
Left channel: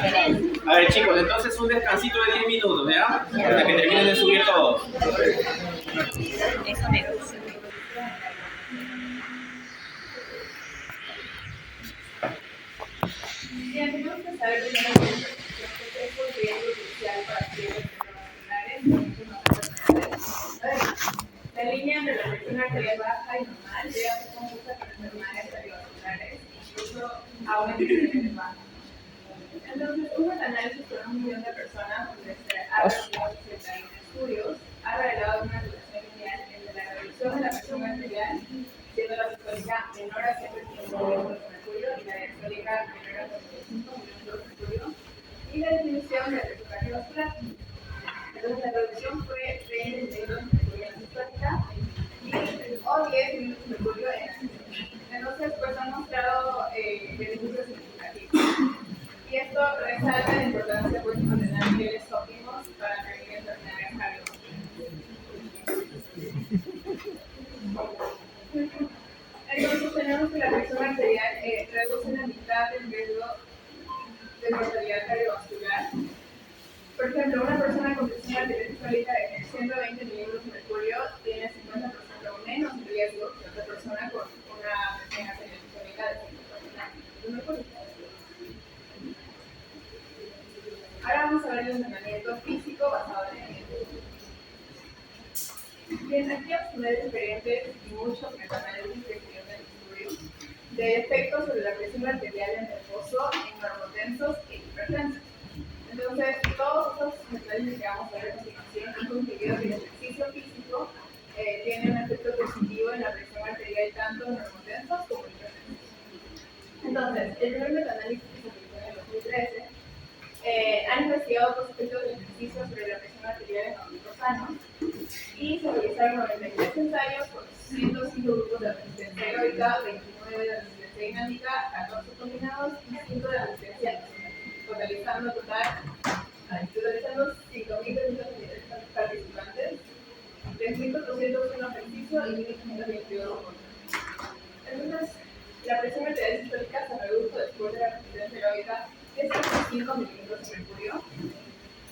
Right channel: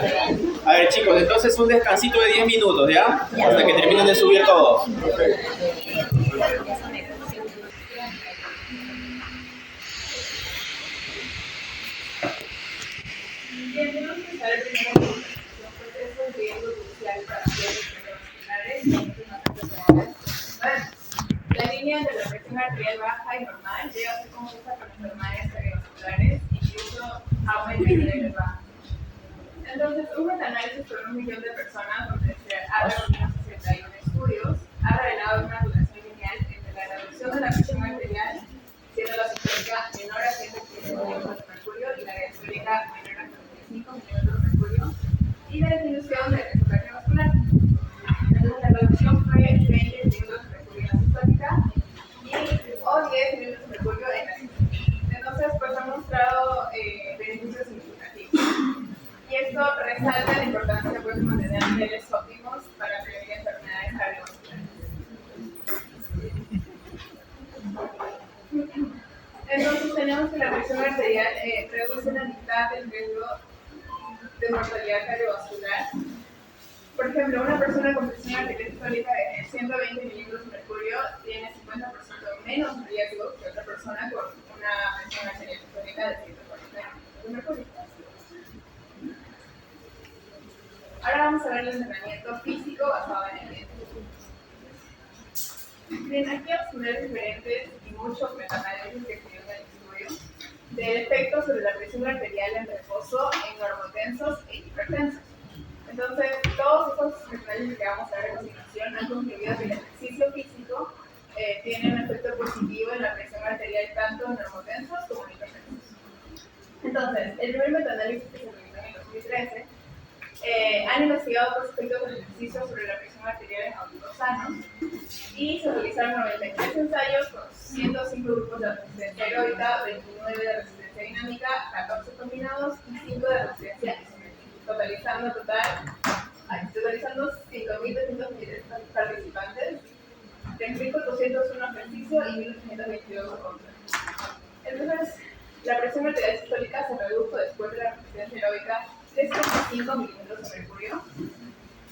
A ver, chicos, entonces un descansito de 10 minutos, ¿ya? Hasta que terminen de subir todos. Eso me gusta. Bien, tenemos que saber primero que es un riesgo crucial para ciertos cardiovasculares y muchos más enfermedades. A ver, la línea entre la presión arterial baja y normal llega a ser confusa con enfermedades cardiovasculares, incluso aumenta el nivel bajo. Entonces, un metaanálisis con 1 millón de personas, donde se ha reunido 61 estudios, ha revelado una relación lineal entre la reducción de la presión arterial, siendo la sistólica menor a 115 milímetros de mercurio y la diastólica menor a 45 milímetros de mercurio, y la disminución del riesgo cardiovascular. Entonces, la reducción fue 20 milímetros de mercurio en la sistólica o 10 milímetros de mercurio en la sistólica. Entonces, pues han mostrado beneficios significativos. Y esto resalta la importancia pues, de mantener niveles óptimos para prevenir enfermedades cardiovasculares. Entonces tenemos que la presión arterial reduce la mitad del riesgo de mortalidad cardiovascular. Por ejemplo, una persona con presión arterial sistólica de 120 milímetros de mercurio tiene 50% menos riesgo que otra persona con una presión arterial sistólica de 140 milímetros de mercurio. Ahora vamos a ver el entrenamiento físico basado en evidencia. Bien, aquí vamos a ver diferentes y muchos metaanálisis que se dieron en el estudio de efectos sobre la presión arterial en reposo en normotensos e hipertensos. Entonces, todos estos metaanálisis que vamos a ver a continuación han concluido que el ejercicio físico tiene un efecto positivo en la presión arterial tanto en normotensos como en hipertensos. Entonces, el primer metaanálisis que se realizó en el 2013 han investigado los efectos del ejercicio sobre la presión arterial en adultos sanos y se realizaron 93 ensayos con 105 grupos de resistencia aeróbica, 29 de resistencia dinámica, 14 combinados y 5 de resistencia isométrica, totalizando 5.223 participantes, 3.401 ejercicio y 1.522 contra. Entonces, la presión arterial sistólica se redujo después de la resistencia aeróbica 3,5 milímetros de mercurio,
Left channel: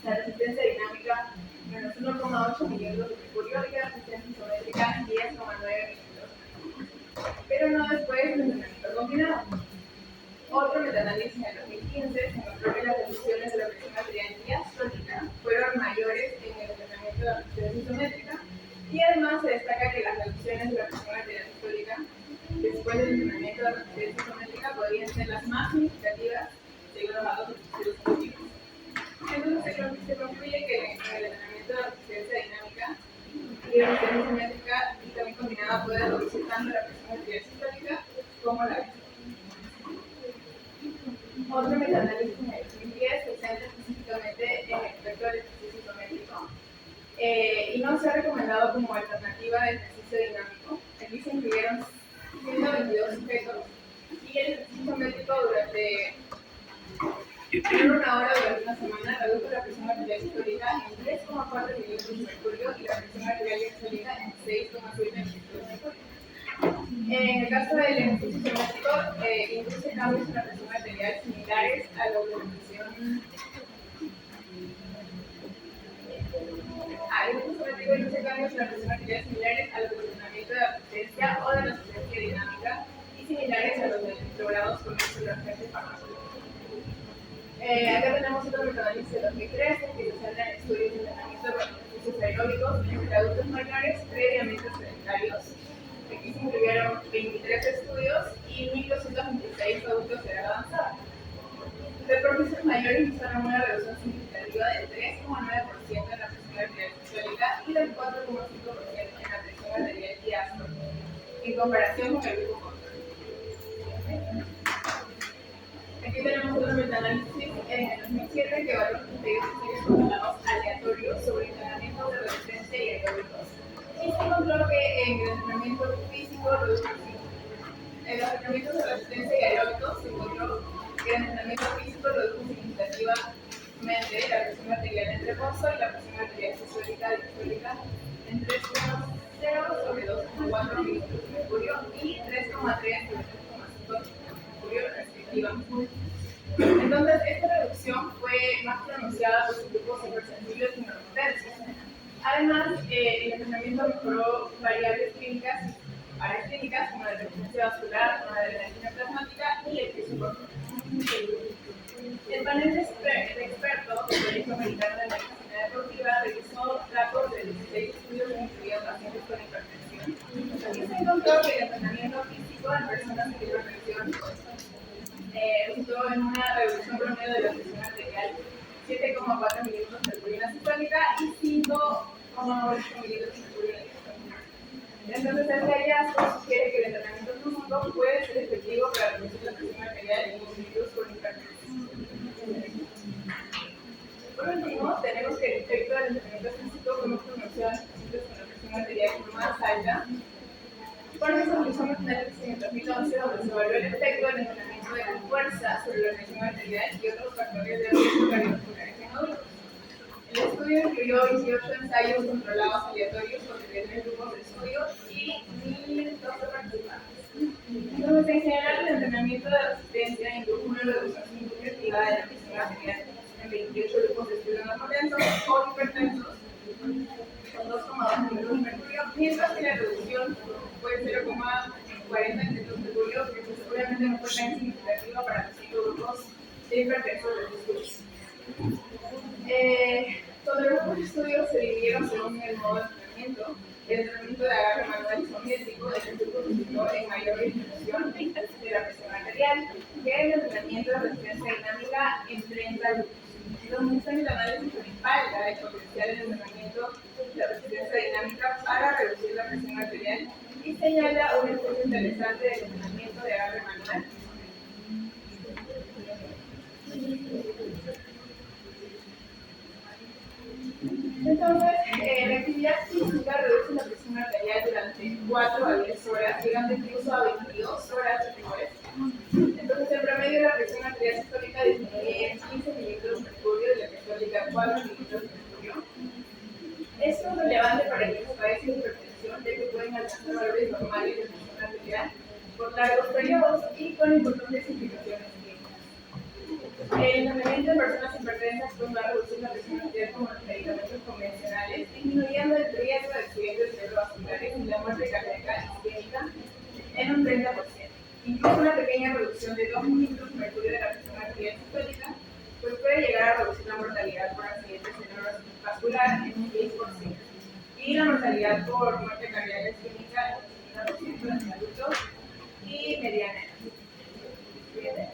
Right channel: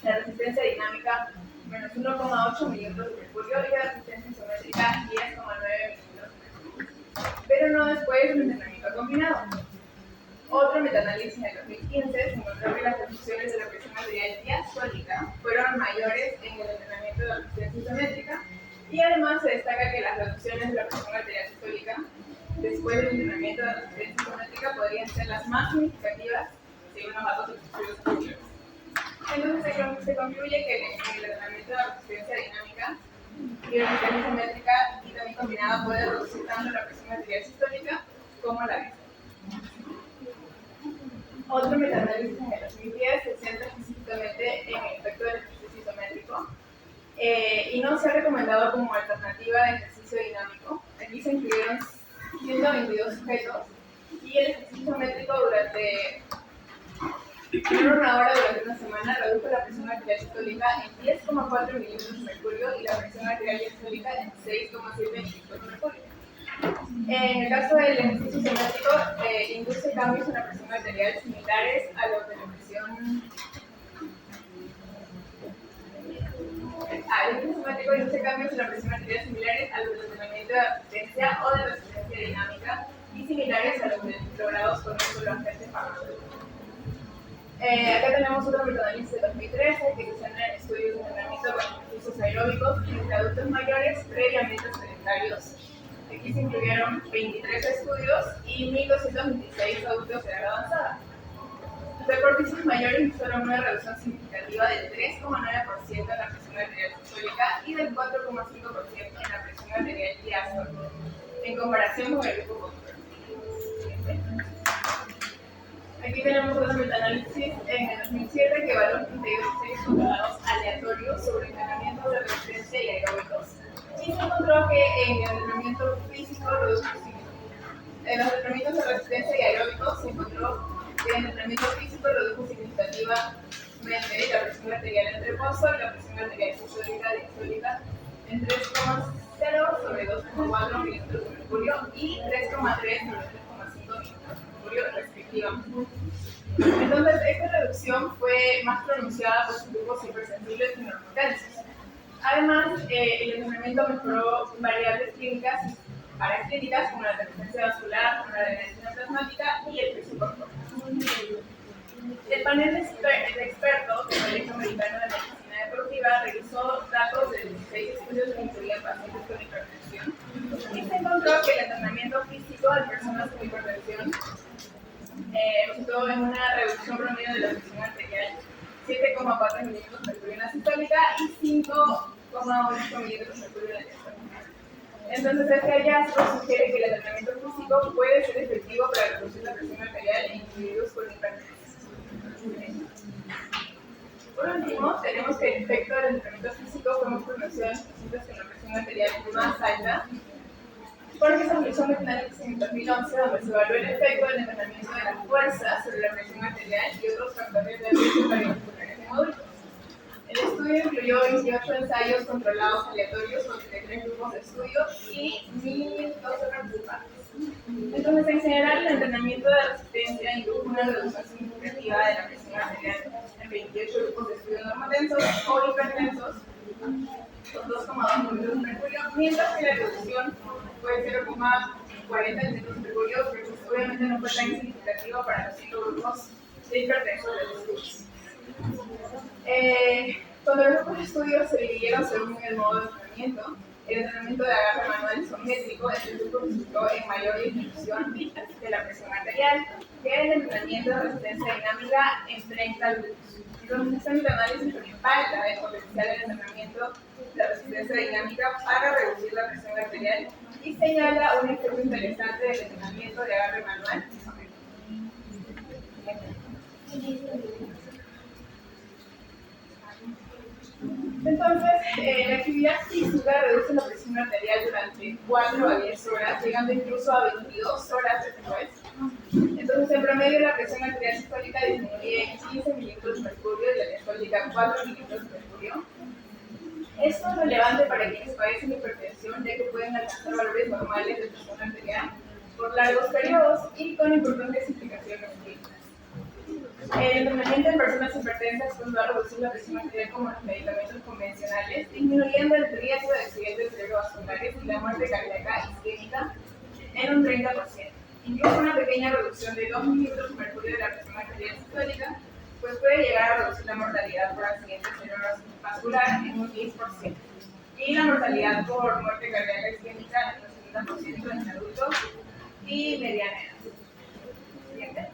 la resistencia dinámica menos 1,8 milímetros de mercurio y la resistencia isométrica 10,9 milímetros de mercurio, pero no después del entrenamiento combinado. Otro metaanálisis en el 2015 se encontró que las reducciones de la presión arterial diastólica fueron mayores en el entrenamiento de la resistencia isométrica y además se destaca que las reducciones de la presión arterial sistólica después del entrenamiento de la resistencia isométrica podrían ser las más significativas según los datos de los estudios anteriores. Entonces se concluye que el entrenamiento de la resistencia dinámica y la resistencia isométrica y también combinada puede reducir tanto la presión arterial sistólica como la diastólica. Otro metaanálisis en el 2010 se centra específicamente en el efecto del ejercicio isométrico y no se ha recomendado como alternativa de ejercicio dinámico. Aquí se incluyeron 122 sujetos y el ejercicio isométrico durante una hora durante una semana redujo la presión arterial sistólica en 10,4 milímetros de mercurio y la presión arterial diastólica en 6,7 milímetros de mercurio. En el caso del ejercicio isométrico, induce cambios en la presión arterial similares a los de la presión. El ejercicio isométrico induce cambios en la presión arterial similares a los del entrenamiento de resistencia o de resistencia dinámica y similares a los logrados con el solo agente farmacológico. Acá tenemos otro metaanálisis de 2013 que se centra en estudios de entrenamiento con ejercicios aeróbicos entre adultos mayores previamente sedentarios. Aquí se incluyeron 23 estudios y 1.226 adultos de edad avanzada. Los deportistas mayores mostraron una reducción significativa del 3,9% en la presión arterial sistólica y del 4,5% en la presión arterial diastólica, en comparación con el grupo control. Aquí tenemos otro metaanálisis en el 2007 que evaluó 32 estudios controlados aleatorios sobre entrenamiento de resistencia y aeróbicos. Y se encontró que en el entrenamiento físico en los entrenamientos de resistencia y aeróbicos se encontró que el entrenamiento físico redujo significativamente la presión arterial en reposo y la presión arterial sistólica diastólica en 3,0 sobre 2,4 milímetros de mercurio y 3,3 sobre 3,5 milímetros de mercurio respectivamente. más pronunciada por sus grupos hipersensibles y normotensos. Además, el entrenamiento mejoró variables clínicas paraclínicas como la resistencia vascular, como la adrenalina plasmática y el peso corporal. El panel de expertos del Colegio Americano de Medicina Deportiva revisó datos de 16 estudios que incluían pacientes con hipertensión y se encontró que el entrenamiento físico de personas con hipertensión resultó en una reducción promedio de la presión arterial 7,4 milímetros de mercurio en la sistólica y 5,8 milímetros de mercurio en la diastólica. Entonces, este hallazgo sugiere que el entrenamiento físico puede ser efectivo para reducir la presión arterial en individuos con hipertensión. Por último, tenemos que el efecto del entrenamiento físico fue más pronunciado en pacientes con la presión arterial más alta, porque se realizó un análisis en el 2011 donde se evaluó el efecto del entrenamiento de la fuerza sobre la presión arterial y otros factores de riesgo cardiovasculares en adultos. El estudio incluyó 28 ensayos controlados aleatorios con 33 grupos de estudio y 1.012 participantes. Entonces, en general, el entrenamiento de resistencia indujo una reducción significativa de la presión arterial en 28 grupos de estudio normotensos o hipertensos con 2,2 milímetros de mercurio, mientras que la reducción fue 0,40 milímetros de mercurio, pero pues, obviamente no fue tan significativa para los 5 grupos de hipertensos de los estudios. Cuando los grupos de estudio se dividieron según el modo de entrenamiento, el entrenamiento de agarre manual isométrico es el grupo resultó en mayor disminución de la presión arterial que el entrenamiento de resistencia dinámica en 30 grupos. Entonces, el análisis respalda el potencial del entrenamiento de resistencia dinámica para reducir la presión arterial y señala un efecto interesante del entrenamiento de agarre manual isométrico. Entonces, la actividad física reduce la presión arterial durante 4 a 10 horas, llegando incluso a 22 horas después. Entonces, en promedio, la presión arterial sistólica disminuye en 15 milímetros de mercurio y la diastólica 4 milímetros de mercurio. Esto es relevante para quienes padecen hipertensión, ya que pueden alcanzar valores normales de presión arterial por largos periodos y con importantes implicaciones clínicas. El entrenamiento en personas hipertensas pues, va a reducir la presión arterial como los medicamentos convencionales, disminuyendo el riesgo de accidentes cerebrovasculares y la muerte cardíaca isquémica en un 30%. Incluso una pequeña reducción de 2 milímetros de mercurio de la presión arterial sistólica pues puede llegar a reducir la mortalidad por accidente cerebrovascular en un 10% y la mortalidad por muerte cardíaca isquémica en un 70% en adultos y mediana edad. ¿Siguiente?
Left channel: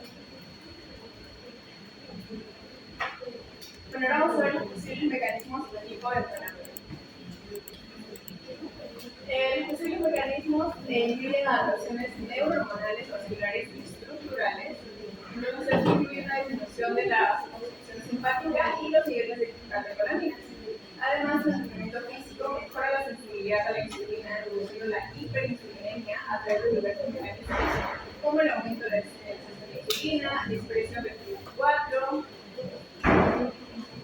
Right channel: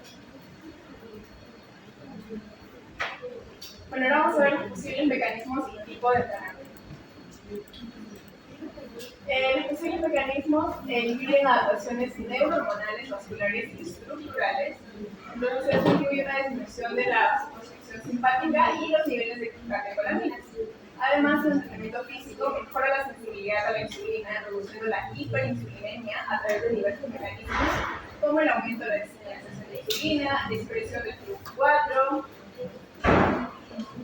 Bueno, ahora vamos a ver los posibles mecanismos y tipos de entrenamiento. Los posibles mecanismos incluyen adaptaciones neurohormonales, vasculares y estructurales. Entonces, esto incluye una disminución de la concepción simpática y los niveles de catecolaminas. Además, el entrenamiento físico mejora la sensibilidad a la insulina, reduciendo la hiperinsulinemia a través de diversos mecanismos, como el aumento de la sensación de insulina, la expresión del TRPV4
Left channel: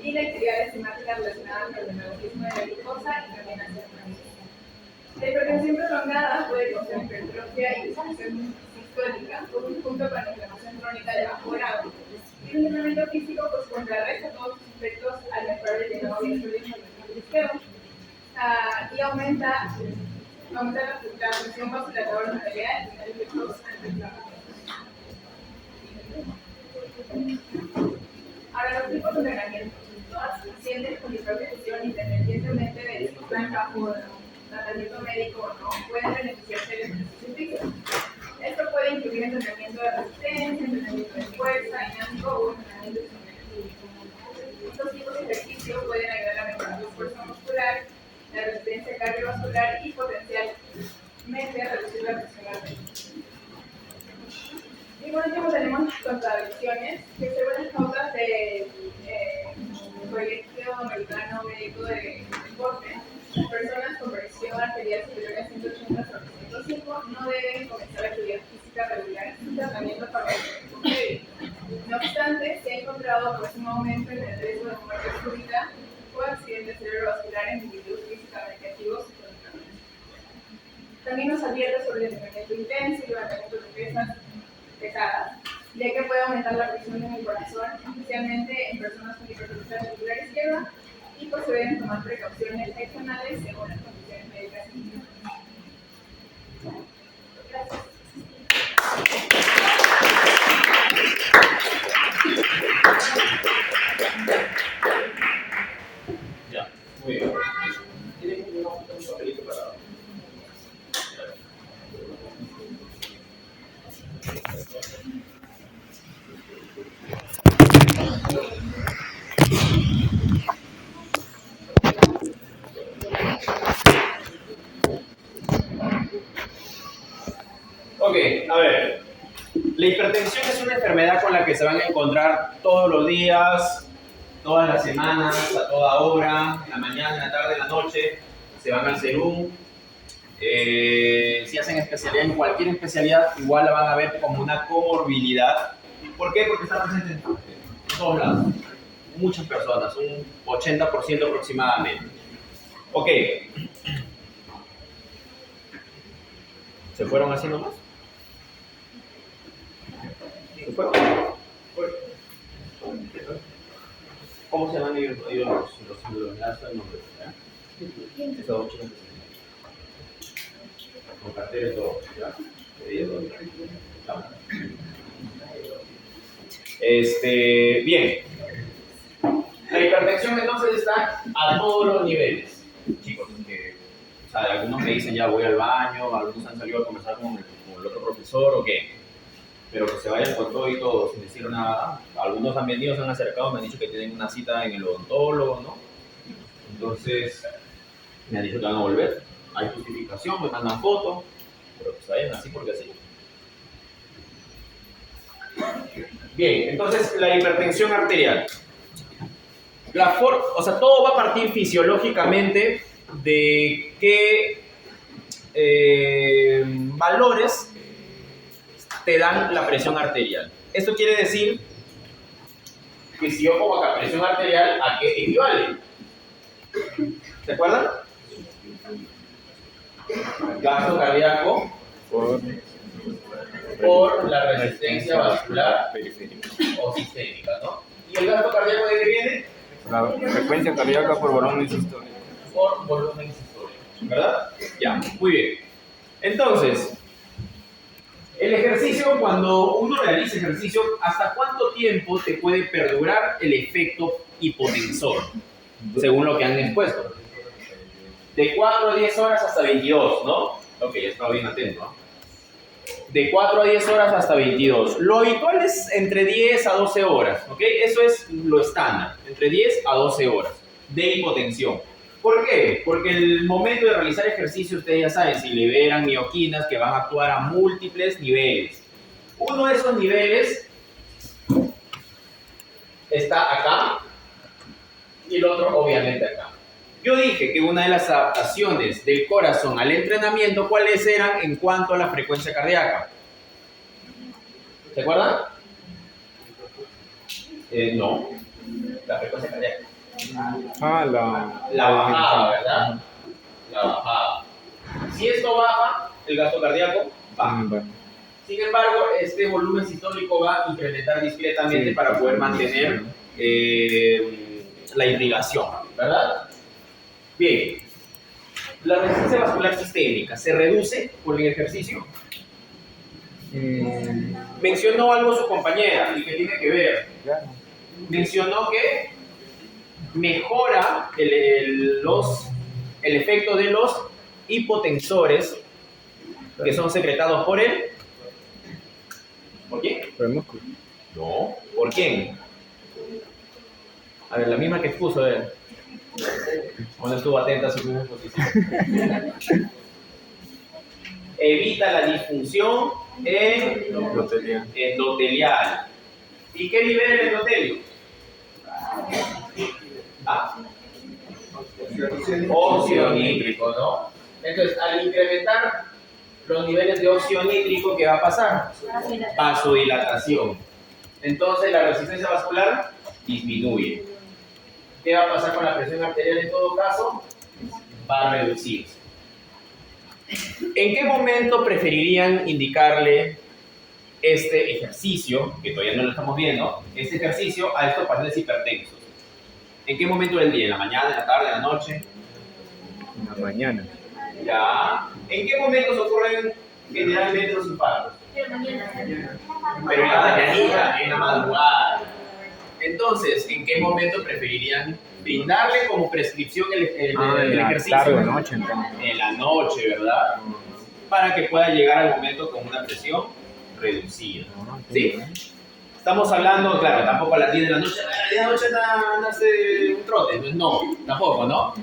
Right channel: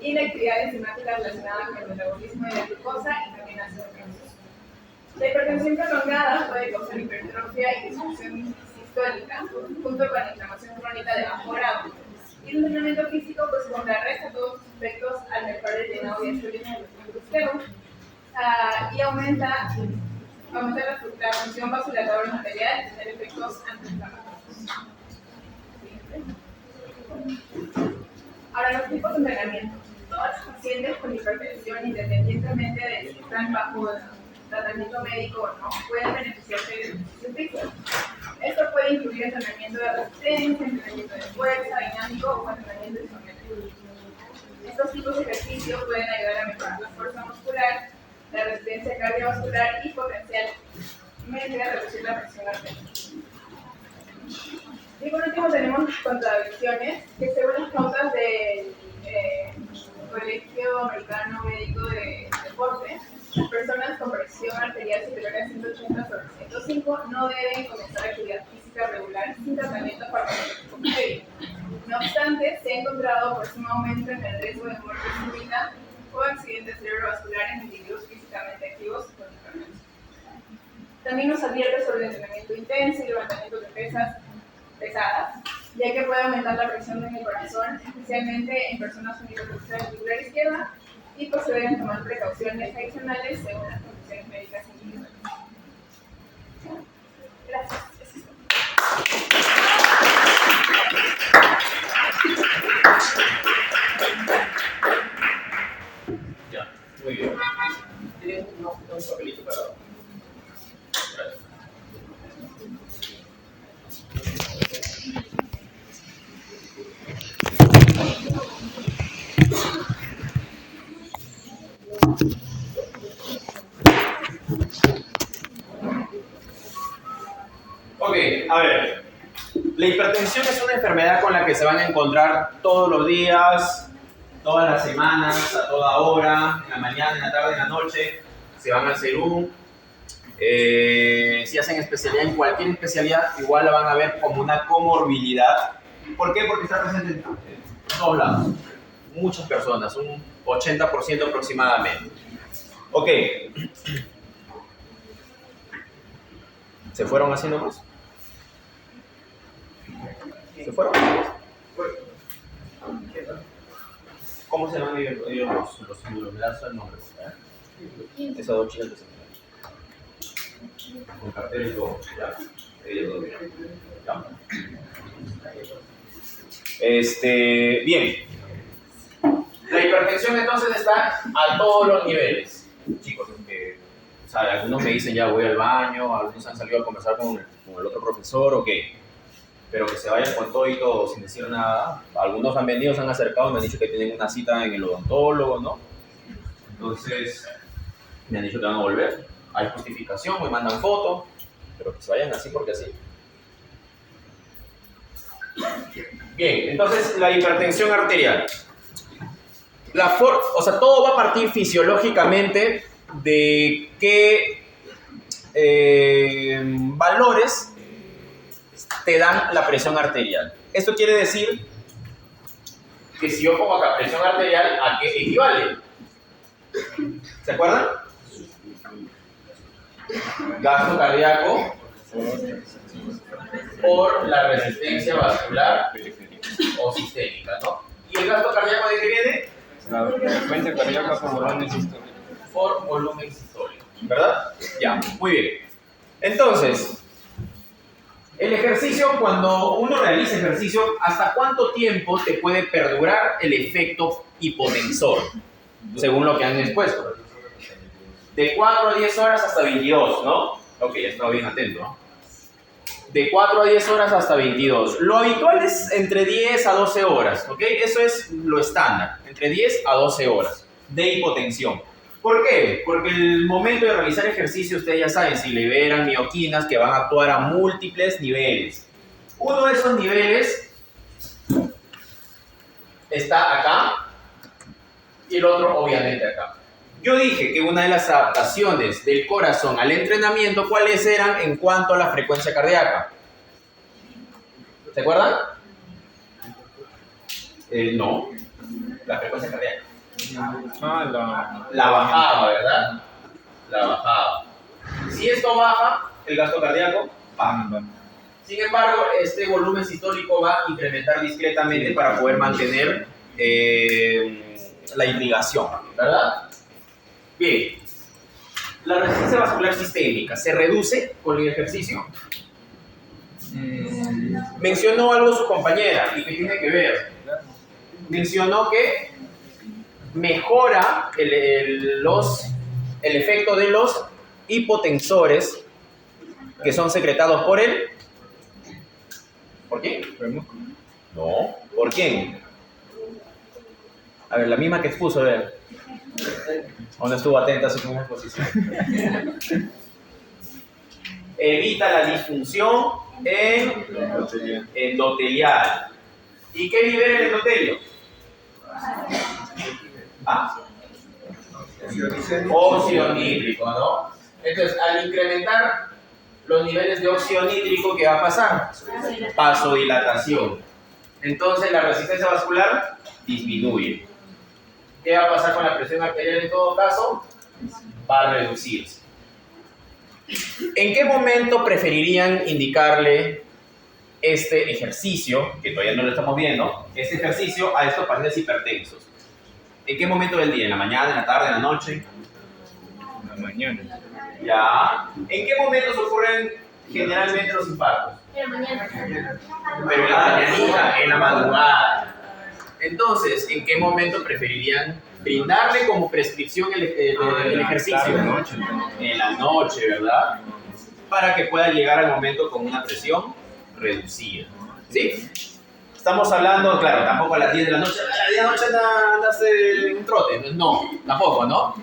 y la actividad enzimática relacionada con el metabolismo de la glucosa y también ácido graso. La hipertensión prolongada puede causar hipertrofia y disfunción sistólica, junto con la inflamación crónica de bajo grado. Y el entrenamiento físico pues, contrarresta todos los efectos al mejorar el llenado diastólico del sistema y aumenta la función vasculatoria arterial y tener efectos antiinflamatorios. Ahora, los tipos de entrenamiento. Todos los pacientes con hipertensión, independientemente de si están bajo tratamiento médico o no, pueden beneficiarse del ejercicio físico. Esto puede incluir entrenamiento de resistencia, entrenamiento de fuerza, dinámico o entrenamiento isométrico. Estos tipos de ejercicio pueden ayudar a mejorar la fuerza muscular, la resistencia cardiovascular y potencialmente a reducir la presión arterial. Y por último tenemos las contradicciones, que según las notas del Colegio Americano Médico de Deporte, las personas con presión arterial superior a 180/105 no deben comenzar actividad física regular sin tratamiento farmacológico previo. No obstante, se ha encontrado pues, un aumento en el riesgo de muerte súbita o accidentes cerebrovasculares en individuos físicamente activos con hipertensión. También nos advierte sobre el entrenamiento intenso y levantamiento de pesas pesadas, ya que puede aumentar la presión en el corazón, especialmente en personas con hipertensión auricular izquierda, y pues se deben tomar precauciones adicionales según las condiciones médicas individuales. Gracias. Ya, muy bien. ¿Tienen un papelito para...? Gracias. Ok, a ver. La hipertensión es una enfermedad con la que se van a encontrar todos los días, todas las semanas, a toda hora, en la mañana, en la tarde, en la noche. Se van al Serum. Si hacen especialidad en cualquier especialidad, igual la van a ver como una comorbilidad. ¿Por qué? Porque está presente en todos lados. Muchas personas, un 80% aproximadamente. Ok. ¿Se fueron así nomás? ¿Se fueron? ¿Cómo se llaman ellos los lanzan el nombre? Esas dos chicas que se con carteles y todo, ¿ya? Ellos dos, ¿ya? Bien. La hipertensión entonces está a todos los niveles. Chicos, o sea, algunos me dicen ya voy al baño, algunos han salido a conversar con el otro profesor, ok. Pero que se vayan con todo y todo sin decir nada. Algunos han venido, se han acercado, me han dicho que tienen una cita en el odontólogo, ¿no? Entonces, me han dicho que van a volver. Hay justificación, me mandan fotos, pero que se vayan así porque así. Bien, entonces la hipertensión arterial. O sea, todo va a partir fisiológicamente de qué valores te dan la presión arterial. Esto quiere decir que si yo pongo acá presión arterial, ¿a qué equivale? ¿Se acuerdan? Gasto cardíaco por la resistencia vascular o sistémica, ¿no? ¿Y el gasto cardíaco de qué viene? La frecuencia cardíaca por volumen sistólico. Por volumen sistólico, ¿verdad? Ya, muy bien. Entonces, el ejercicio, cuando uno realiza ejercicio, ¿hasta cuánto tiempo te puede perdurar el efecto hipotensor? Según lo que han expuesto. De 4 a 10 horas hasta 22, ¿no? Ok, ya estaba bien atento, ¿no? De 4 a 10 horas hasta 22. Lo habitual es entre 10 a 12 horas, ¿ok? Eso es lo estándar, entre 10 a 12 horas de hipotensión. ¿Por qué? Porque el momento de realizar ejercicio, ustedes ya saben, se liberan mioquinas que van a actuar a múltiples niveles. Uno de esos niveles está acá y el otro obviamente acá. Yo dije que una de las adaptaciones del corazón al entrenamiento, ¿cuáles eran en cuanto a la frecuencia cardíaca? ¿Se acuerdan? No, la frecuencia cardíaca. La bajada, ¿verdad? La bajada. Si esto baja, el gasto cardíaco baja. Sin embargo, este volumen sistólico va a incrementar discretamente para poder mantener la irrigación, ¿verdad? Bien, la resistencia vascular sistémica se reduce con el ejercicio. Mencionó algo su compañera y que tiene que ver. Mencionó que mejora el efecto de los hipotensores que son secretados por él. ¿Por quién? Por el músculo. No, ¿por quién? A ver, la misma que expuso, a ver. ¿O no estuvo atenta a su misma exposición? Evita la disfunción endotelial. ¿Y qué libera el endotelio? Óxido nítrico, ¿no? Entonces, al incrementar los niveles de óxido nítrico, ¿qué va a pasar? Vasodilatación. Entonces, la resistencia vascular disminuye. ¿Qué va a pasar con la presión arterial en todo caso? Va a reducirse. ¿En qué momento preferirían indicarle este ejercicio, que todavía no lo estamos viendo, este ejercicio a estos pacientes hipertensos. ¿En qué momento del día? ¿En la mañana, en la tarde, en la noche? En la mañana. Ya. ¿En qué momentos ocurren generalmente los infartos? En la mañana. Pero en la mañanita, en la madrugada. Entonces, ¿en qué momento preferirían brindarle como prescripción el ejercicio? Tarde, noche, entonces. En la noche, ¿verdad? Para que pueda llegar al momento con una presión reducida. ¿Sí? Estamos hablando, claro, tampoco a las 10 de la noche. A las 10 de la noche andarse un trote. Entonces, no, tampoco, ¿no?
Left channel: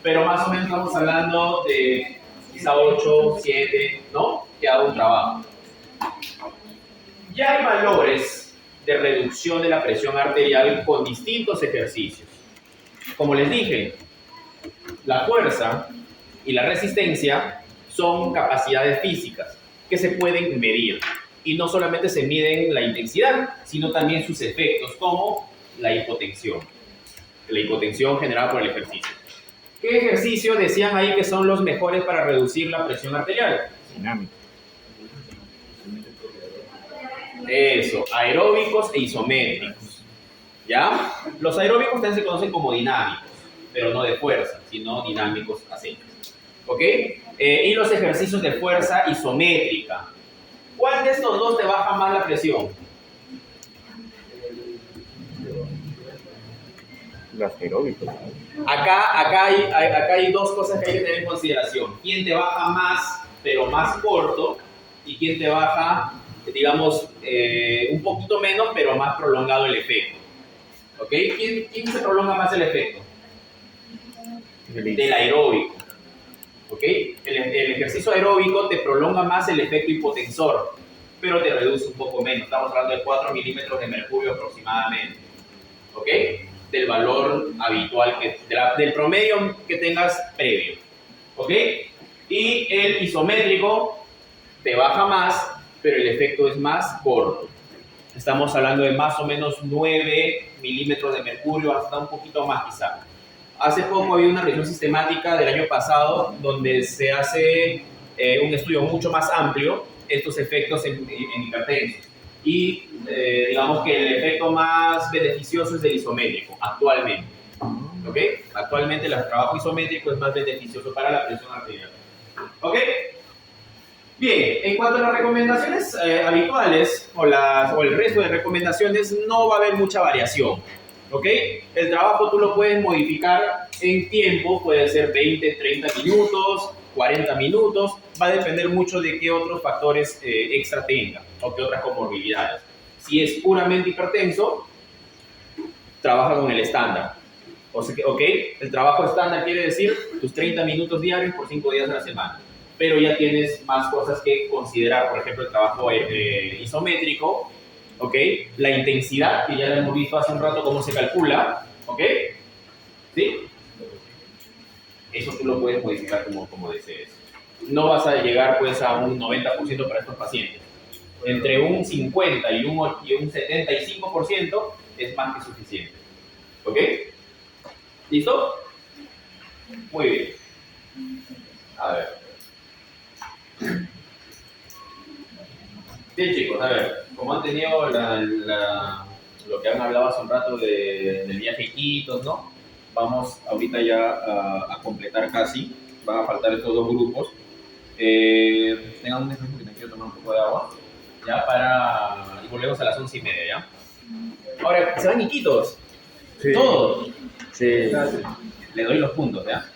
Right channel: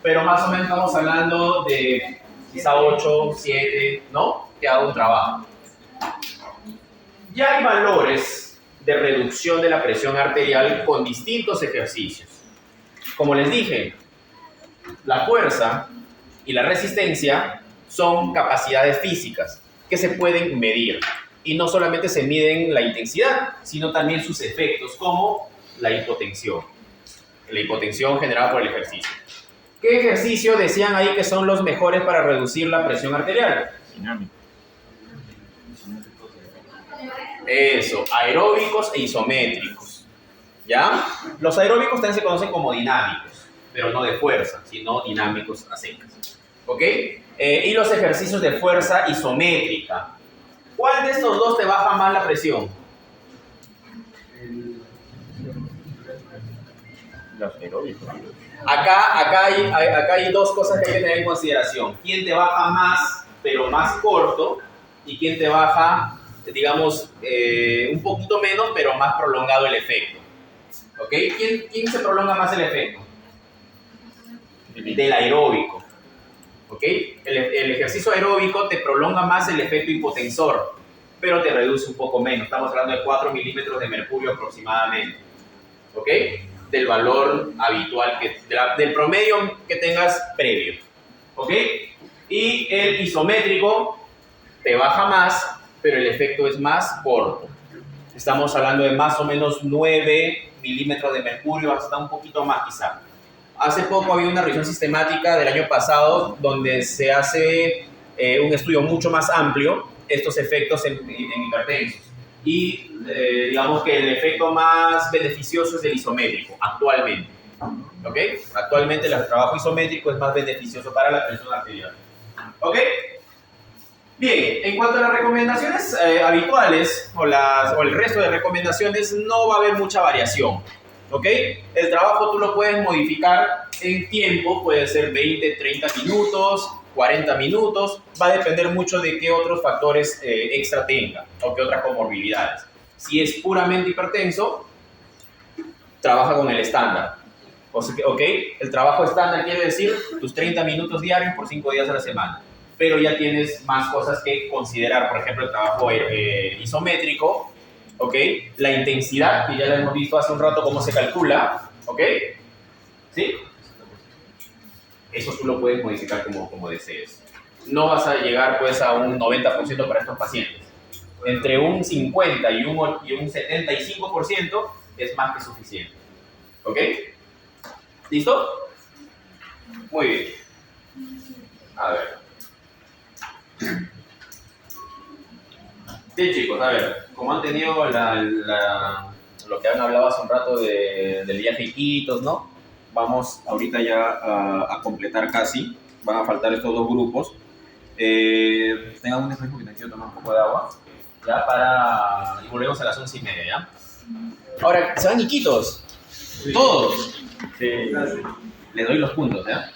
Pero más o menos estamos hablando de quizá 8, 7, ¿no? Que haga un trabajo. Ya hay valores de reducción de la presión arterial con distintos ejercicios. Como les dije, la fuerza y la resistencia son capacidades físicas que se pueden medir. Y no solamente se miden la intensidad, sino también sus efectos, como la hipotensión. La hipotensión generada por el ejercicio. ¿Qué ejercicio decían ahí que son los mejores para reducir la presión arterial? Dinámico. Eso, aeróbicos e isométricos. ¿Ya? Los aeróbicos también se conocen como dinámicos, pero no de fuerza, sino dinámicos a secas. ¿Ok? Y los ejercicios de fuerza isométrica. ¿Cuál de estos dos te baja más la presión? Los aeróbicos. Acá hay dos cosas que hay que tener en consideración. ¿Quién te baja más, pero más corto? ¿Y quién te baja, digamos, un poquito menos, pero más prolongado el efecto? ¿Ok? ¿Quién se prolonga más el efecto? Del aeróbico. ¿Ok? El ejercicio aeróbico te prolonga más el efecto hipotensor, pero te reduce un poco menos. Estamos hablando de 4 milímetros de mercurio aproximadamente. ¿Ok? Del valor habitual, del promedio que tengas previo. ¿Ok? Y el isométrico te baja más, pero el efecto es más corto. Estamos hablando de más o menos 9 milímetros de mercurio, hasta un poquito más quizá. Hace poco había una revisión sistemática del año pasado donde se hace un estudio mucho más amplio, estos efectos en hipertensos. Y digamos que el efecto más beneficioso es el isométrico, actualmente. ¿Ok? Actualmente el trabajo isométrico es más beneficioso para la presión arterial. ¿Ok? Bien, en cuanto a las recomendaciones habituales o el resto de recomendaciones, no va a haber mucha variación. ¿Ok? El trabajo tú lo puedes modificar en tiempo, puede ser 20, 30 minutos, 40 minutos, va a depender mucho de qué otros factores extra tenga o qué otras comorbilidades. Si es puramente hipertenso, trabaja con el estándar. ¿Ok? El trabajo estándar quiere decir tus 30 minutos diarios por 5 días a la semana. Pero ya tienes más cosas que considerar, por ejemplo, el trabajo isométrico, ¿ok? La intensidad, que ya lo hemos visto hace un rato cómo se calcula, ¿ok? ¿Sí? Eso tú lo puedes modificar como desees. No vas a llegar pues a un 90% para estos pacientes. Entre un 50 y un 75% es más que suficiente. ¿Ok? ¿Listo? Muy bien. A ver. Bien chicos, a ver, como han tenido lo que han hablado hace un rato del viaje a Iquitos, ¿no? Vamos ahorita ya a completar casi, van a faltar estos dos grupos. Tengan un descanso que te quiero tomar un poco de agua, ya y volvemos a las 11:30, ¿ya? Ahora, ¿se van Iquitos? Sí. ¿Todos? Sí. Les doy los puntos, ¿ya?